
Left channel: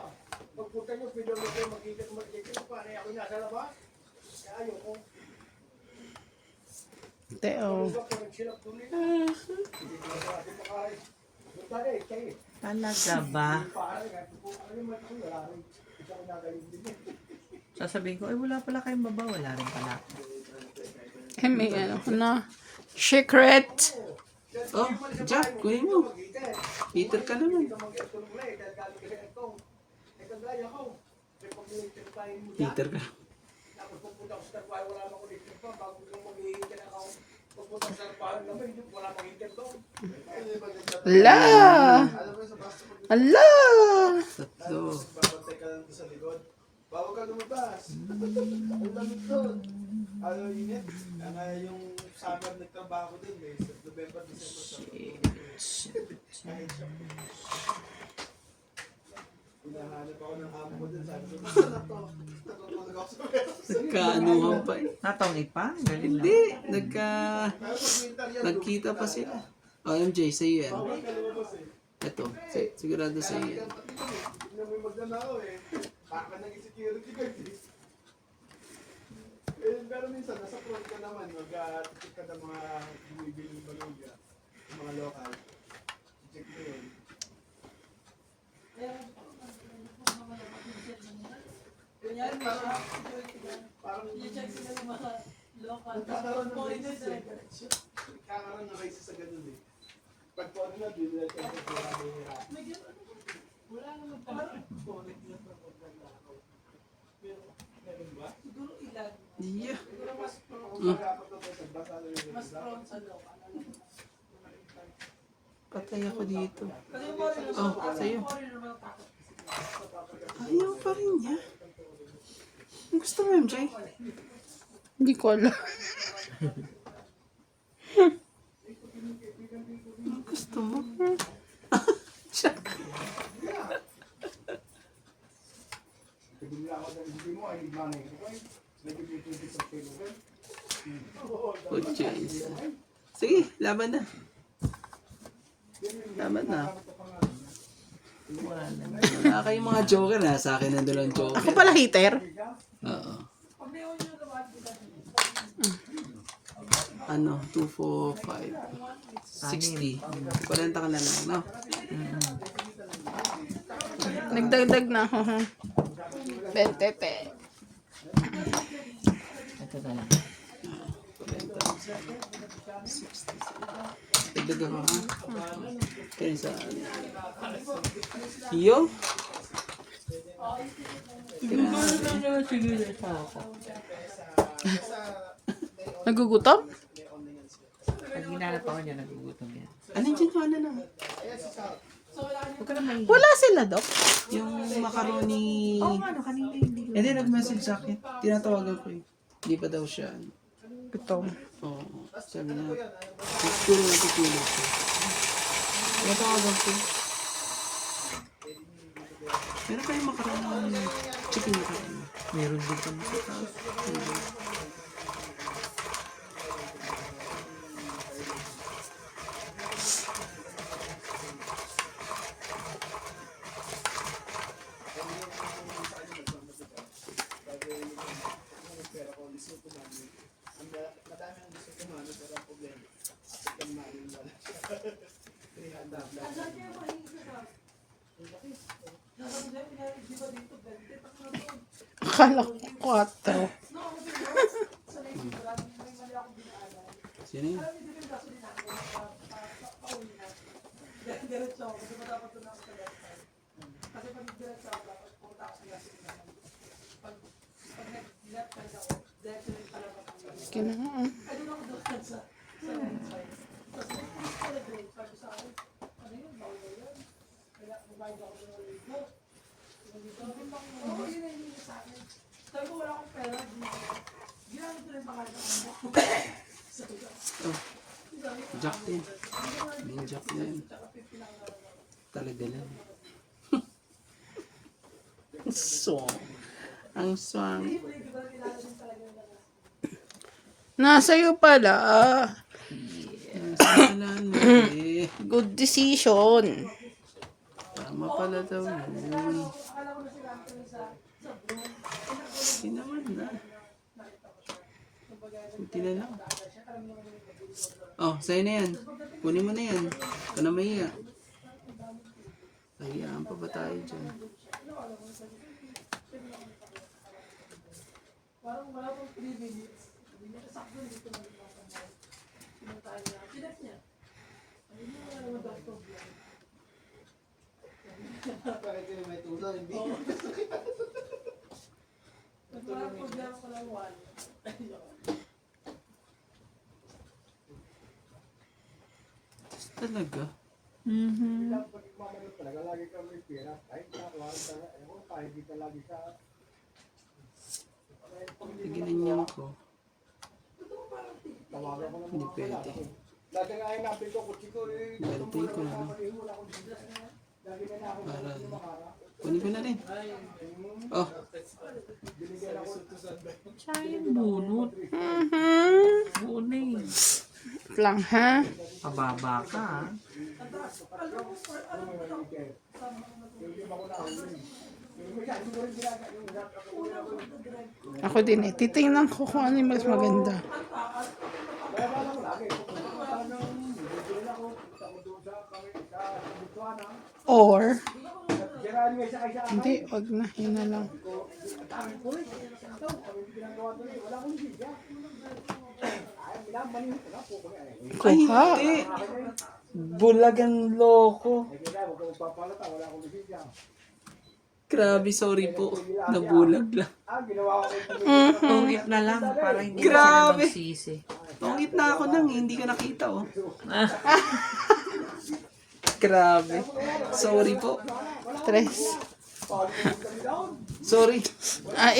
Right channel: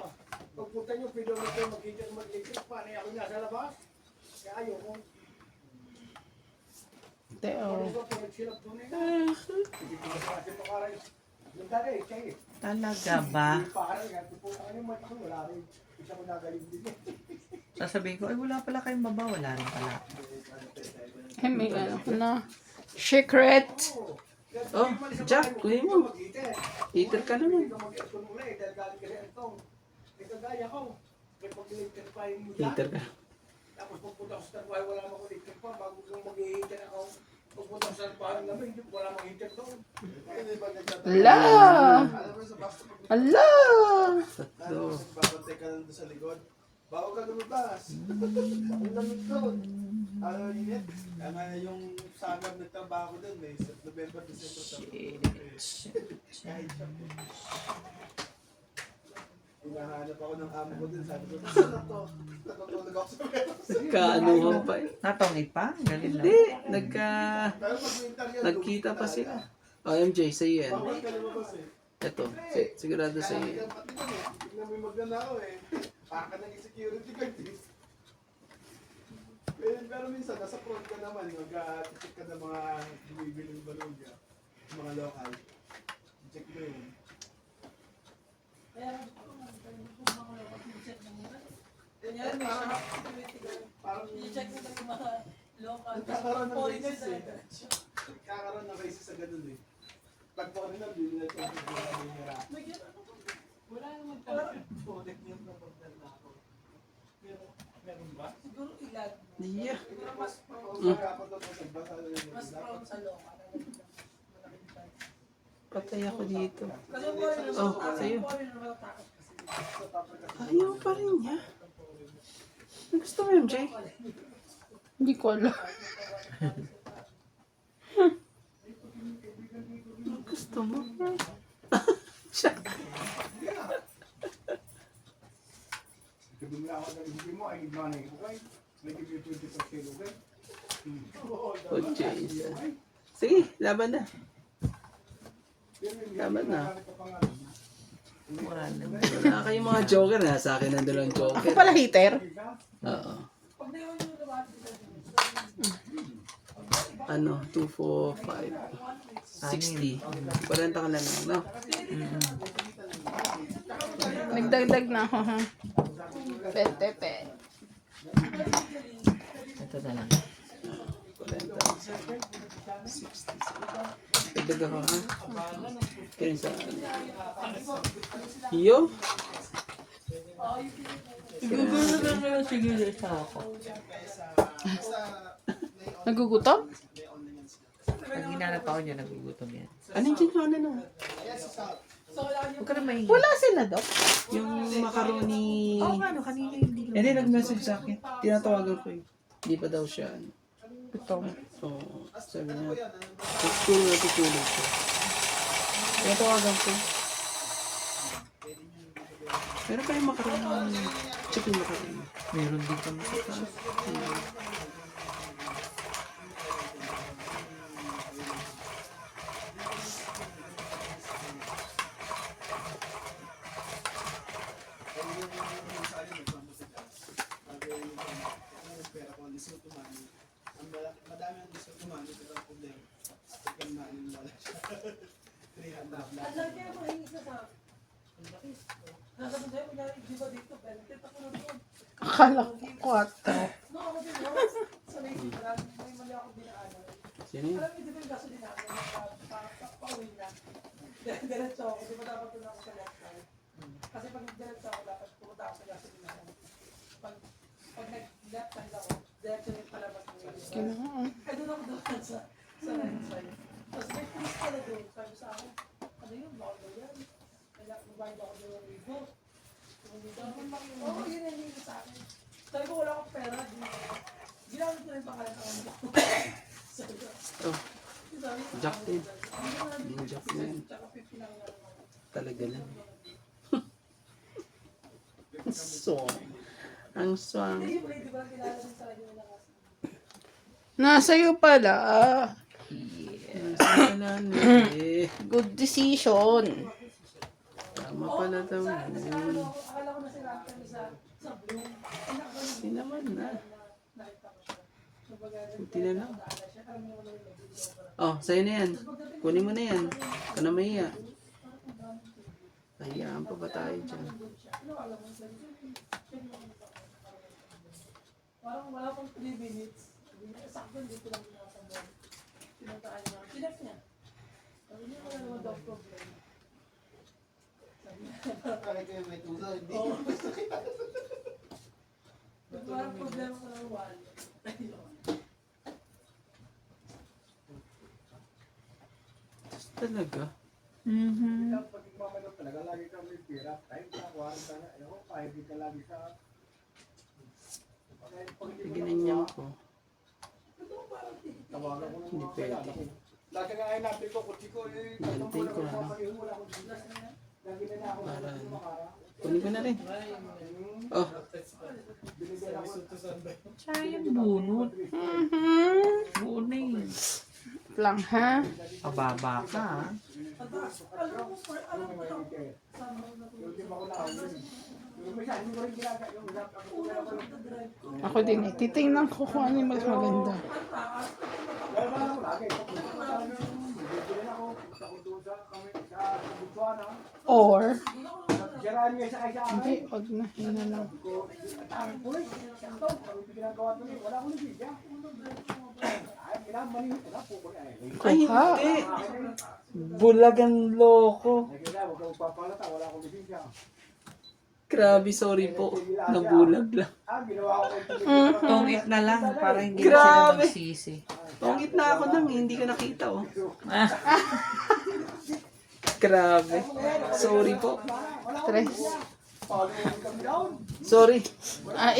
Pagpunta nyo, pwede mo kayo mag-ikot. Paano ako nasa labas? Kaya ayaw ko. Teo. Pag-silap doon nila. Hindi ko kasi makaray. Yung dali, kayo. Talaga ba? Paano nga, ano yung mata ko, wala rin. Isa ko nagaling din. Sasabihin ko, ay wala pala kayong baba. Wala rin pala. May na. Secret. Oh, Jack, kunin mo. Peter ka naman. Peter ka. Tapos pagpunta ko sa tarbahe, wala akong electric pa. Bago kong mag-iintan ako. Pagpunta ko sa tarbahe namin, wala akong heater doon. Ala. Ala. Tatlo. Babantay ka lang doon sa likod. Bawag ka lumabas. Ang lamig doon. Ano yun yan? Yung summer nagtrabaho doon, may November, December. Kahit siya. Hinahanap ako ng amo ko doon. Sabi ko, saan na to? Natutulog tinanggap sa meron. Nagkaanuhan pa eh. Natongi pa? Galing lang. Hindi, Pero pag winter yan, nagkita pa lugi sila. talaga. O, MJ, sa'yo yan. Bawal ka lumabas eh. Ito, sigurado Kaya sa'yo may yan. pati ka eh. Tignan mo yung magnanakaw eh. Baka naging security guard eh. Pero minsan, nasa front ka naman, mag-check ka ng mga bumibili ng balugya, yung mga local. Check mo yun. Kaya kanya may shop, security guard. Parang I-check nila yung mga local. nagkakaroon ng Foreigners races eh. na diretso. Nagkakaroon ng races sa ganun eh. Pag foreigner, di nila check yung mga mahihira. May gano'n. Wala naman talaga. Foreigner na magnanakaw. Meron ba? Siguro ilan. Yeah. Siguro mas Kung dapat na po, nagbasa na yun. mas Dapat prone sa local. Patay ako dito. Kasi foreigner, Oh, sa'yo. foreigner well takot kasi. Ayaw pa rin niya. Gusto mo, MJ? Hindi ko alam. Gusto mo? Bigla ako ng hindi mo, I need money. Okay? May give you 20%, okay? Good choice. Sige, laban na. Laban na. Wala naman. Wala kayong mga joker na. Sa akin ang dalawang Ako joker. pala hater. Oo. Pag nayon nyo naman, Ano? 2, 4, 5, 60. 40 ka na lang, no? Nagdagdag na ako, ha? 20 pe. Ito na lang. 40. 60. Dagdag ako, ha? Kaya sa... Yo? Sige, sa ako. Nagugutom? Pag hinanap ako niya, nagugutom yan. Anong dyan yung ano na? Huwag ka na mahingi. Wala sila, Dok. Yung macaroni... Oo nga, no, kanina hindi ko. Hindi, nag-message sa akin. Tinatawagan ko eh. Hindi pa daw siya. Ito. Oo. Sabi niya, tutulog siya. Tinatawagan ko. Meron kayong macaroni. Chicken macaroni. Meron din kami sa taas. Madami ang gusto kumano, pero ang problema, kapag yung main wala siya. 300 lang. ang laki ang mahingi sa sa. Nasa mga kunyari, di ba dito, 20 ako na doon. Akala ko 4. No, ako din yun. Sa may sigaran, may mali akong dinaanan. Sino yun? Alam mo, di ba yung kaso din ako, pauwi na. Diretso ako, di ba dapat doon ako sa gas line? Kasi pag diretso ako, dapat pumunta ako sa gasolina. Pag nag-left side ako, diretso yung palabas ng Kailangan. ay, doon ako doon sa right side. Tapos may police pala doon. Sabi sa akin, ano yun, bawal na yan. Kaya magbayad ako ng libo. Oo, yun ang hindi sa akin. Sabi ko, wala akong pera. Ginamit ko rin pangalan ng anak ko. Sabi ko, Oh, sabi ko, Jack din. hindi ko na Yung Jack na yun. tsaka 50 lang naman ako. Talaga lang. Ang song. Ang song. Hindi, di ba kilala din talaga nila kasi. Nasa iyo pala. Eh, Good decision. tama pala daw yun. Akala ko na sila kami sa Bloom. Hindi naman na. Buti na lang. Oh, sa'yo na yan. Kunin mo na yan. Ito na mahiya. Hayaan pa ba tayo dyan? Parang wala pang 3 minutes. Sakto dito lang dito sa mall. Pinuntahan niya. Sinap niya. Sabi niya, wala naman daw problem. Bakit kayo may tulo? Hindi. Parang problema ko lang wall. Talaga? Lang pag mamano talaga, lagi ka may pera. Kahit na, kuharin ka na. Ayaw, kahit di ka lagi sa... Kahit pag hindi mo Ginanyan ko. tawagan ko ng Hindi mga pwede. kalala ko. Lagi nga ay natin ko, kutsi ko eh. Gantiin ko na. Wala akong bigas. Lagi na ako Para- ng makara. Kunin ko na rin. Oh, Binigyan ako Sayang bunot. Mhm. Buo na yun. Lang ha. Pababa ka ha. Ako din eh. Titingnan ko kung ano yung mas maganda. Or, hindi, wag na. Yun na lang. Ay, Kuha. hindi. Bulagan loko. Grabe, sorry po. Nabulag lang. Tungit na lang para hindi sila Grabe. magsisi. Tungit na ako nang hindi ko nakita, oh. Grabe. Sorry po. Tres. Sorry.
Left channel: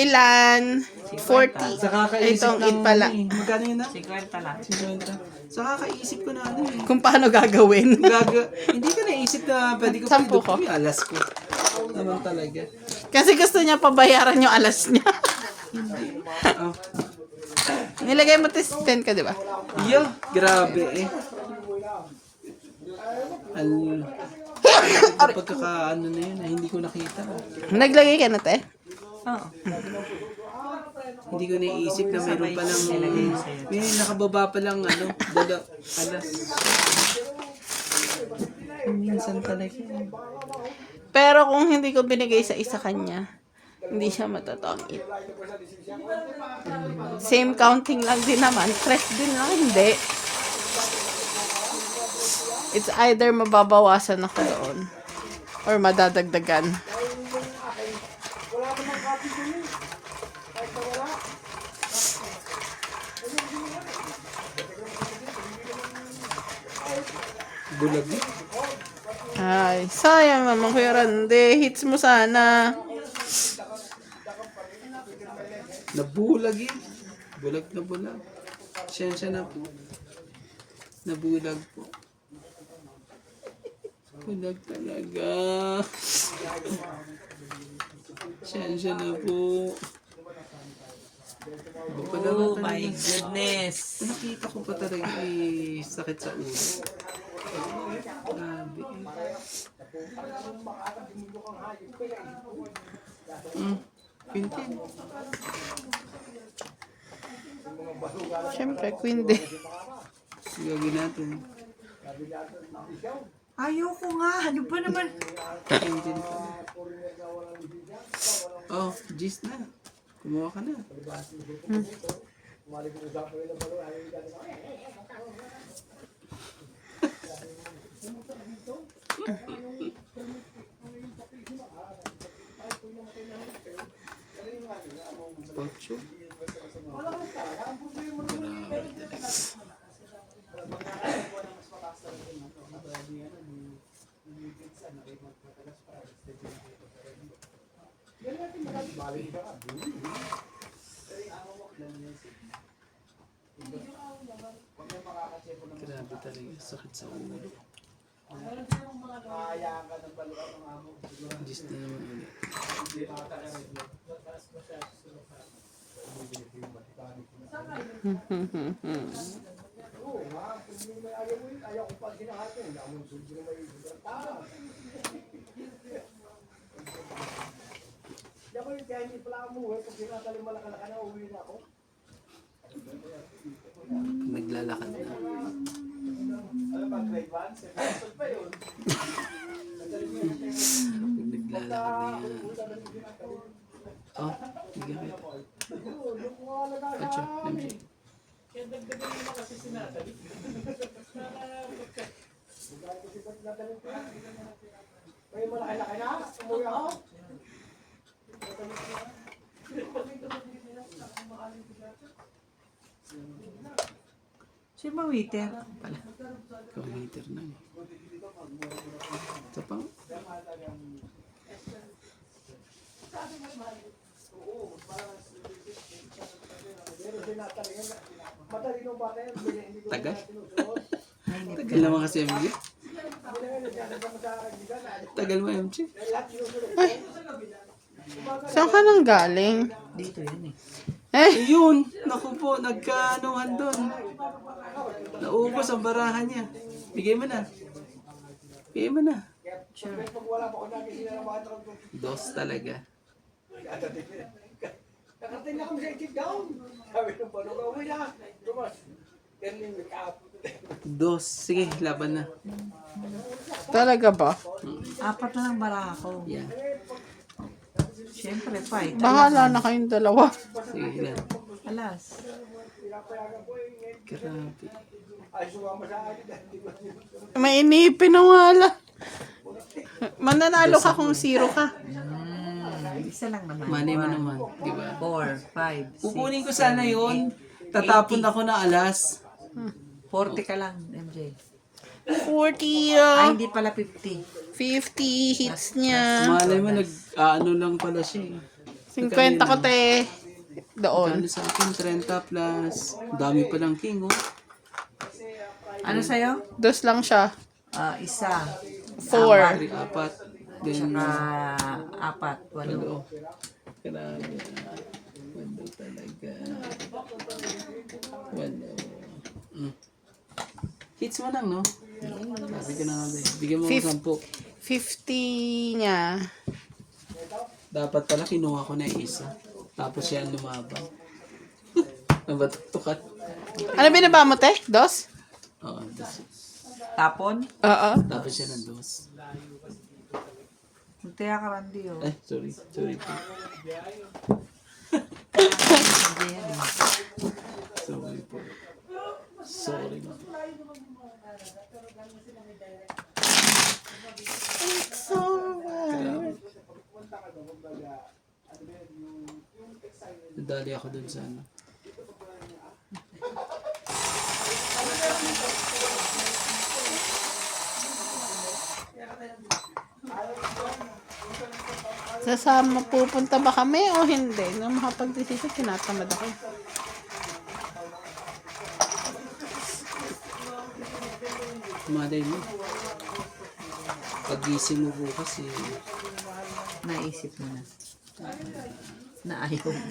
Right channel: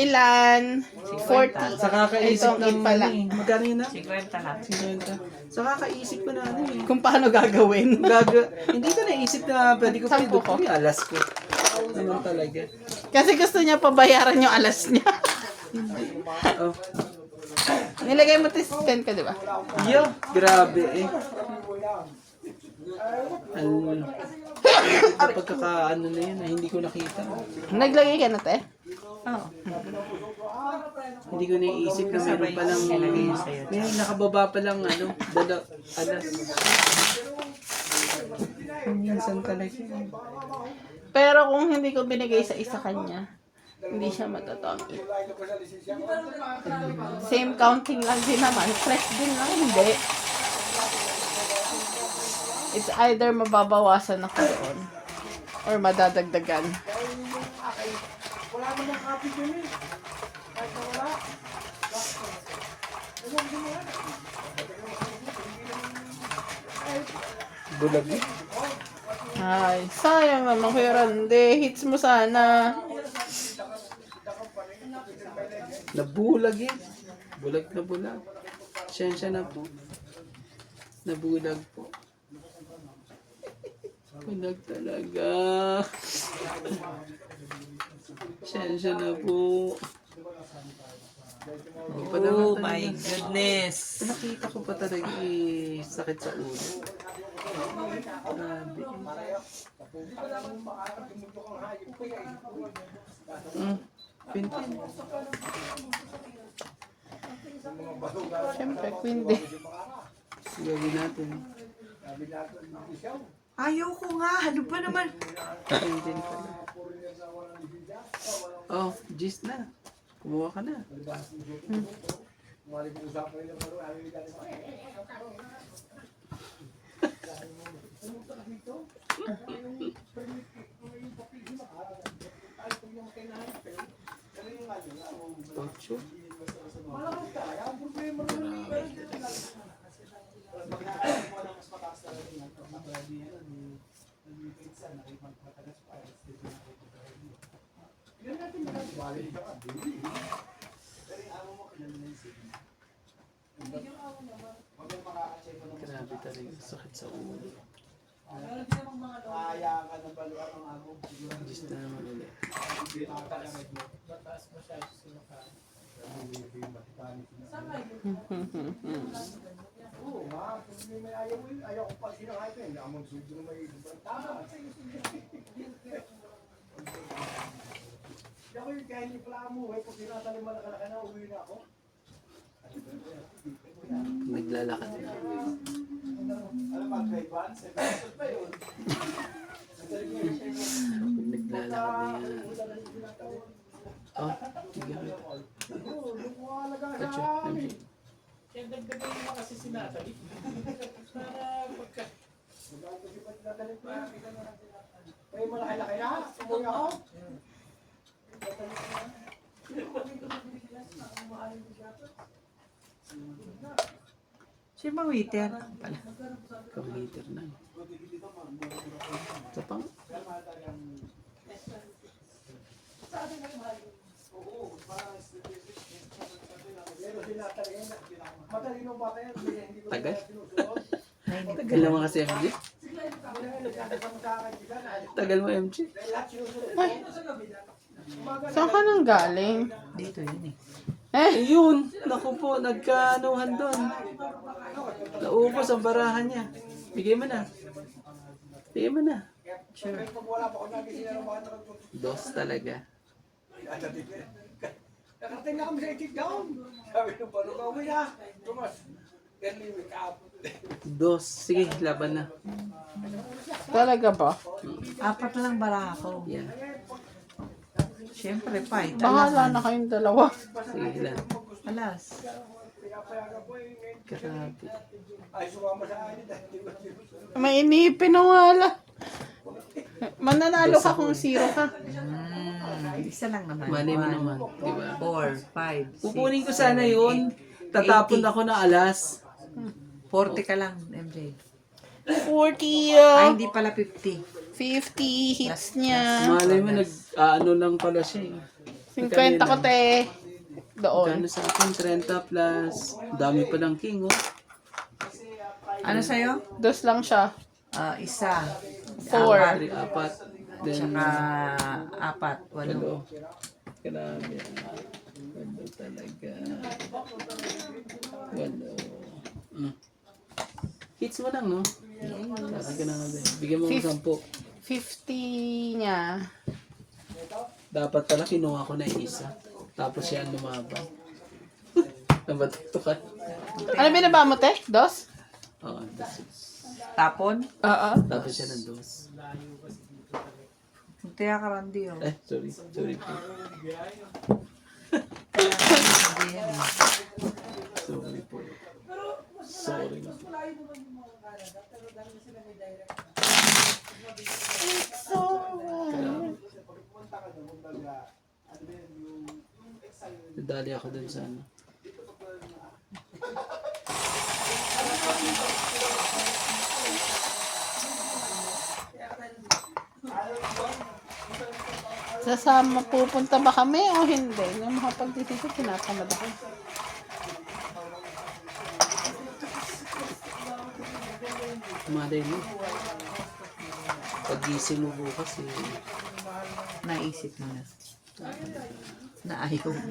Ilan? 40. Sa kakaisip Itong ng it pala. Magkano yun na? 50 lang. 50. Sa kakaisip ko na ano eh. Kung paano gagawin. Hindi ko naisip na pwede ko Sampu pindutin ko. yung alas ko. Naman talaga. Kasi gusto niya pabayaran yung alas niya. Oh. Nilagay mo 10 ka, di ba? Yeah, grabe eh. Pagkakaano na yun, hindi ko nakita. Naglagay ka na, te? Oo. Hindi ko naisip na meron pa lang may nakababa pa lang ano, alas. Minsan talaga. Pero kung hindi ko binigay sa isa kanya, hindi siya matatangit. Same counting lang din naman. Fresh din lang, hindi. It's either mababawasan ako doon or madadagdagan. Bulag eh. Ay, sayang naman Kuya Randy. Hits mo sana. Nabulag eh. Bulag na bulag. Siyensya na po. Nabulag po. Bulag talaga. Siyensya na po. Iba pa naman Oh talaga. my goodness. Nakita ko pa talaga eh, sakit sa ulo. Grabe. Pintin. Siyempre, Queen din. Gagawin natin. Ayoko nga. Ano ba naman? Pintin pala. Oh, gis na. Kumuha ka na. Ocho. Grabe talaga, sakit sa ulo. Gis na naman ulit. Naglalakad na. Pag naglalakad na yan. Oh, bigyan kita. Kacho, MJ. Siya ba waiter? Pang-heater na. Ito pa. Tagal? Tagal naman kasi MJ. Tagal mo MJ. Saan ka nang galing? Dito yan eh. Eh, Ayun, naku po, nagkaanuhan doon. Naubos ang barahan niya. Bigay mo na. Bigay mo na. Sure. Pag wala pa ko dati sila ng mga tao. Dos talaga. Nakarating na kami sa itik down. Sabi ng pano ka, uwi na. Tumas. Early wake up. Dos. Sige, laban na. talaga ba? 4 na lang bara ako. Yeah. Siyempre, fight. Bahala na kayong dalawa. Sige lang. Alas. Grabe. Ay, sumama sa akin. Dahil ko May inipin na wala. Mananalo ka kung 0 ka. Isa lang naman. Money mo naman. Di ba? 4, 5, 6, Kukunin ko sana yun. Tatapon ako na alas. 40 ka lang, MJ. 40 Ay, hindi pala 50. 50 hits niya. Malay mo, nag-ano lang pala siya eh. 50 ko te. Doon. Kano sa akin, 30 plus. Dami palang king, oh. Ano sa'yo? 2 lang siya. Isa. 4. 3, 4. Then, Tsaka 4, 8. walo. Grabe. Walo talaga. Walo. Hits mo lang, no? Sabi ko na nga ba eh. Bigyan mo ng 10. 50 niya. Dapat pala kinuha ko na yung isa. Tapos siya ang lumaban. Nabatutukan. Ano binaba mo te? 2? Oo, das. Tapon? Oo. Tapos siya ng dos. Muntiya ka, Randy, oh. Eh, sorry. Sorry po. Sorry po. Sorry. Nadali ako dun sa ano. Sasama pupunta ba kami o hindi? Nung makapag-desisyon, tinatamad ako. Malay mo. Pag-gising mo bukas eh. Naisip mo na. Na ayaw mo.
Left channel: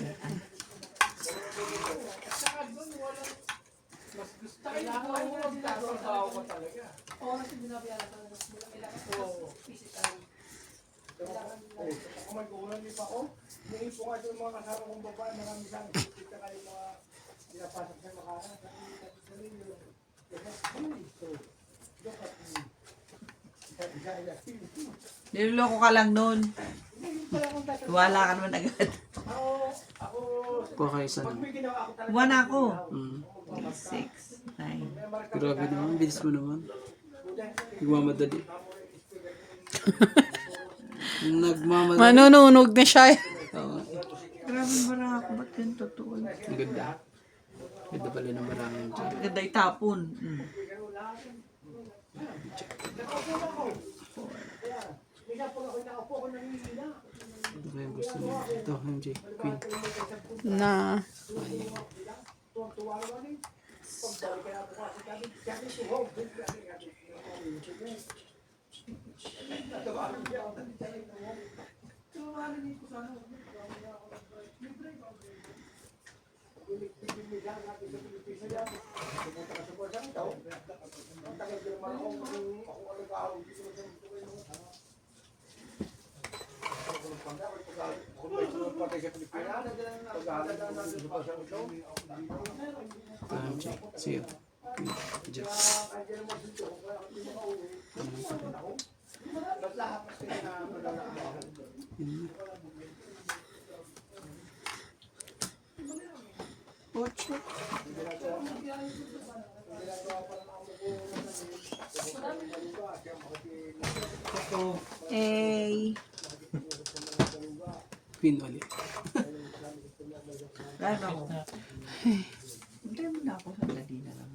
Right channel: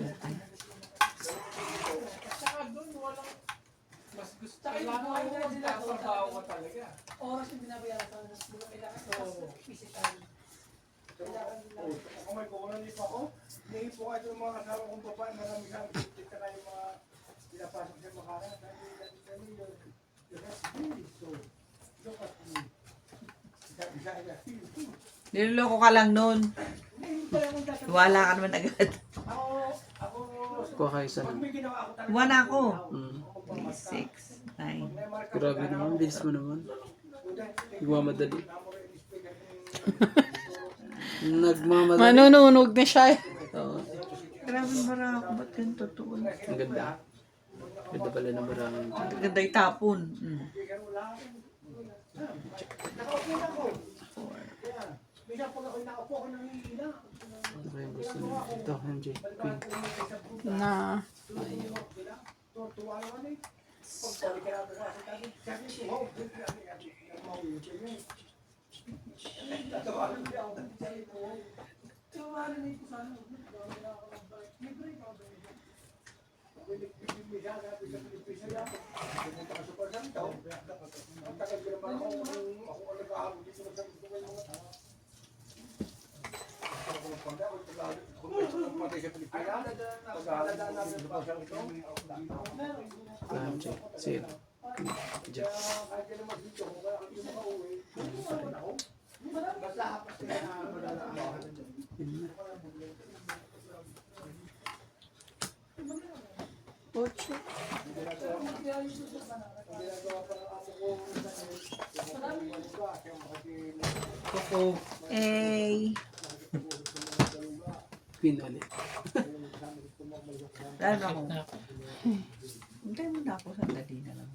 Oras yung binabayaran sa mas kailangan ko physical. Kung may kukunan niyo pa ako, naipo ka yung mga kasama kong babae, mga misang titik ka kayo mga pinapasok sa makaran. Niloloko ka lang nun. Wala ka naman agad. Kuha kayo sa ano. Wala ako. 6, 6. 9. Grabe naman. Bilis mo naman. Nagmamadali. Nagmamadali. Manununog na siya. Oo. Grabe bara ako. Ba't yun totoo? Ang ganda. Ganda pala ng maraming dyan. Ganda itapon. Ano kaya gusto niyo? Ito, MJ. Queen. Na. MJ. Sige. MJ. Ocho. Eh. Queen ulit. Lalo ako. Hintay mo na ako. Sandali na lang.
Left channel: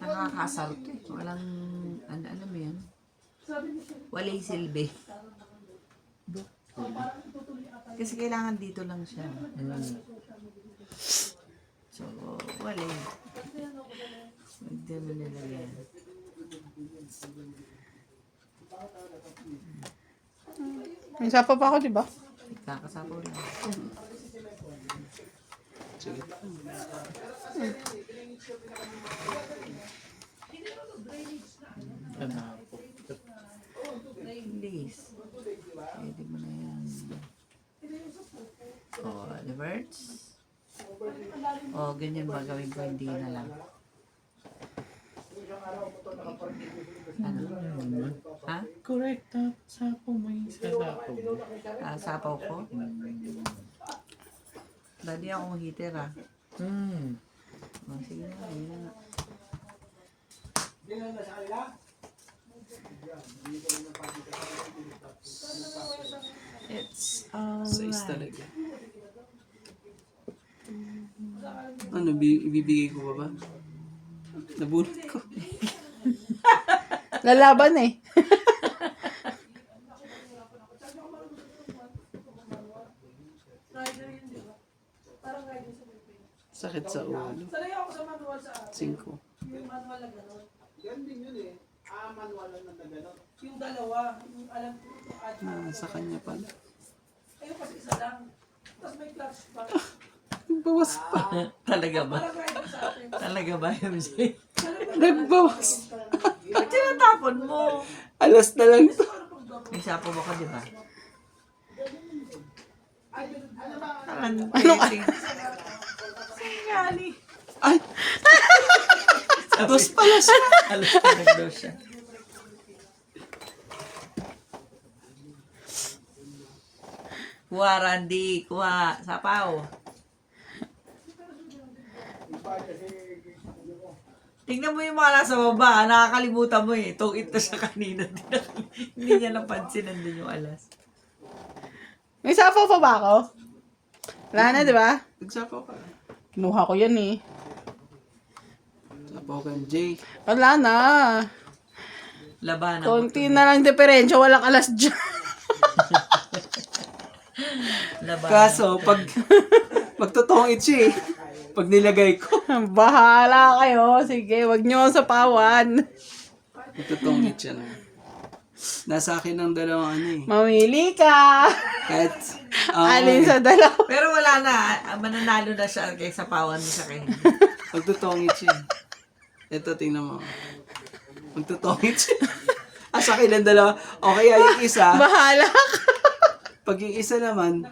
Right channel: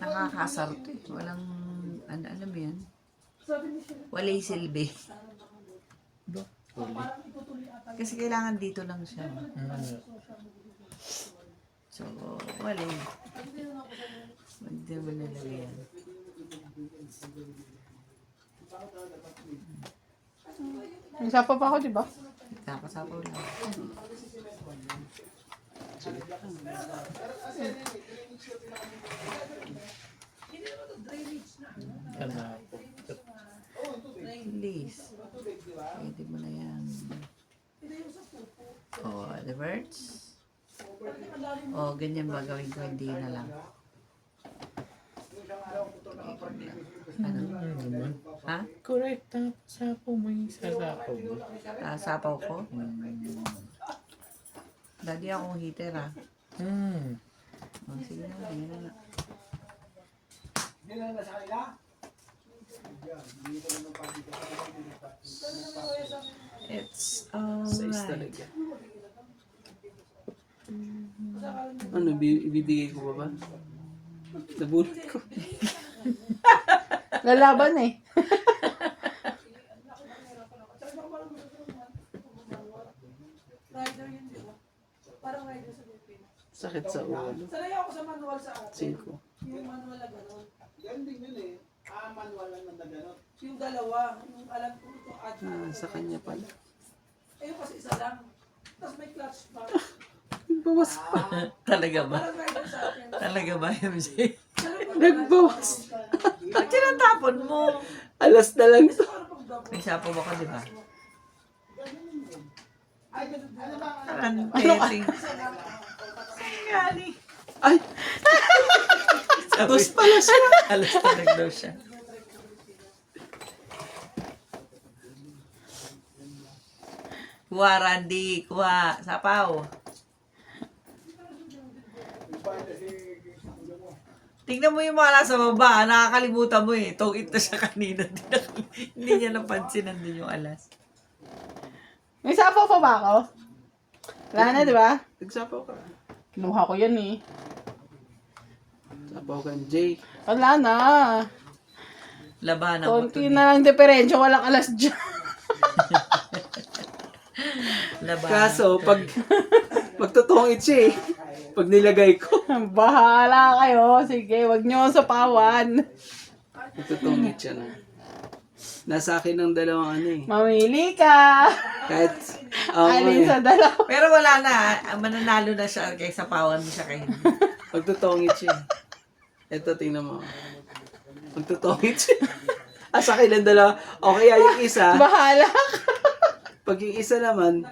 Nakakasarap eh. Walang, ano mo yan? Walay silbi. Ulit. Kasi kailangan dito lang siya. So, wala yun. Hindi mo nilagyan. May sapa pa ako, di ba? Kakasapaw lang. Sige. Please. Pwede mo na yan. The birds. Ganyan ba gawin ko? Hindi na lang. Ano? Ha? Correct. Sapo may sasapo. Sapaw ko? Lagi akong heater sige na. It's Size alright. talaga. Ano, ibibigay ko ba? Nabunod ko. Lalaban eh. Rider yun, di ba? Parang rider sa Pilipinas. Sakit sa ulo. Sanay ako sa manual sa atin. 5. Yung manual na gano'n. Yan din yun eh. Manual lang na gano'n. Yung dalawa, yung alam ko itong add. Sa kanya pala. Ayun kasi isa lang. Tapos may clutch pa. Nagbawas pa. Talaga ba? Parang rider sa atin. Talaga ba, MJ? Nagbawas. Ba't tinatapon mo? Alas na lang to. May sapo ba ka, di ba? Ano ba? Ano pwedeng? Singali. Ay! Dos pala siya. Alas ka nagdaw siya. Kuha, Randy. Kuha. Sapaw. Tingnan mo yung mga nasa baba. Nakakalimutan mo eh. Tong ito siya kanina. Hindi niya napansin. Nandun yung alas. May sapa pa ba ako? Wala na, di ba? Nagsapaw ka. Kinuha ko yan eh. Sapaw ka, Jake. Wala na. Labanan mo. Konti na lang diferensya. Walang alas dyan. Labanan. Kaso, pagtutungit siya eh. Pag nilagay ko. Bahala kayo. Sige, wag niyo akong sapawan. Pagtutungit siya na. Nasa akin ng dalawang ano eh. Mamili ka. Kahit, Alin sa dalawa. Pero wala na. Mananalo na siya kaysa pawan mo siya kay hindi. pagtutungit siya. Ito, tingnan mo. Pagtutungit siya. Sa akin ng dalawa. Okay, yung isa. Bahala ka. Pag yung isa naman,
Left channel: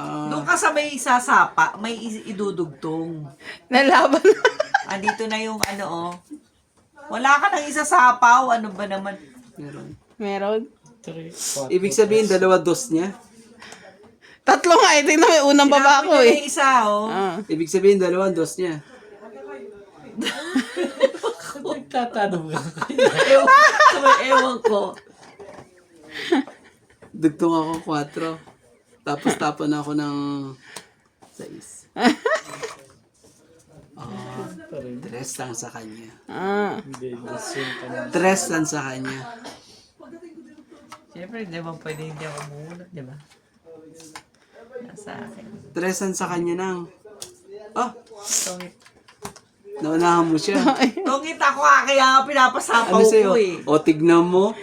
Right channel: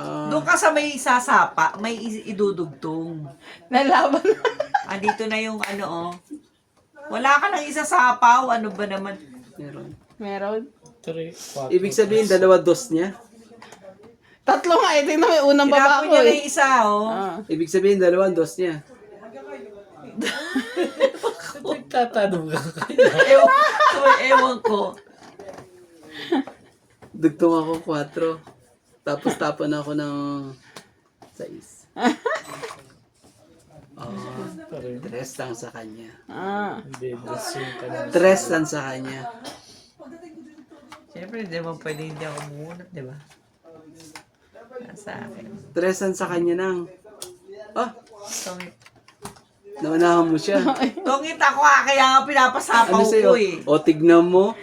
Doon ka sa may sasapa, may idudugtong. Nalaban na. Andito na yung ano Wala ka nang isasapaw. Ano ba naman? meron. Meron. 3, 4. Ibig sabihin, dalawa dos niya. Tatlo nga. Ito yung unang baba Tinapon ko niya na eh. yung isa, Ah. Ibig sabihin, dalawang dos niya. Nagtatanong ka. Ewan ko. Dugtong ako 4. Tapos tapon ako ng 6. Dress lang sa kanya. Ah. Hindi, lasing ka na. Dress lang sa kanya. Siyempre, di ba pwede hindi ako mumunap, di ba? Nasa akin. Dress lang sa kanya nang. Ah, Tungit. naunahan mo siya. Tungit ako kaya nga pinapasapaw Ano sa'yo? ko eh. O, tignan mo.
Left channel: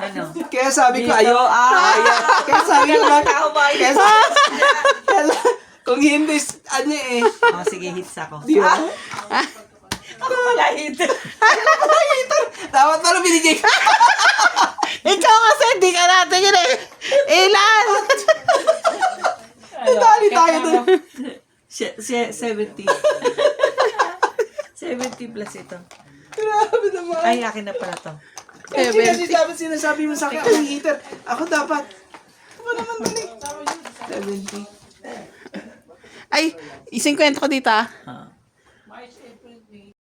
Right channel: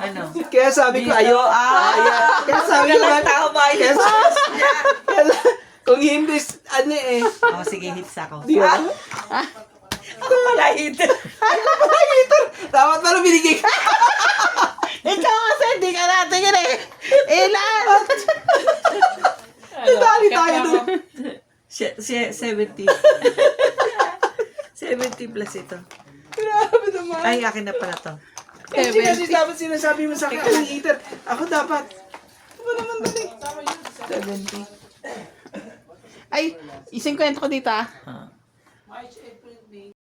Ano? Kaya sabi ko, ayo. Kaya sabi ko, Tama kaya yun. kung hindi, ano eh. Sige, hits ako. Di ba? Ako pala hit. Dapat pala binigay ka. Ikaw kasi hindi ka natin yun eh. Ilan? Dali tayo dun. 70. 70 plus ito. Grabe naman. Ay, akin na pala to. Kasi dapat sinasabi mo sa akin, alang eater. Ako dapat. Ano naman dali? 70. Ay, ising kwento ko dito ah. Ah.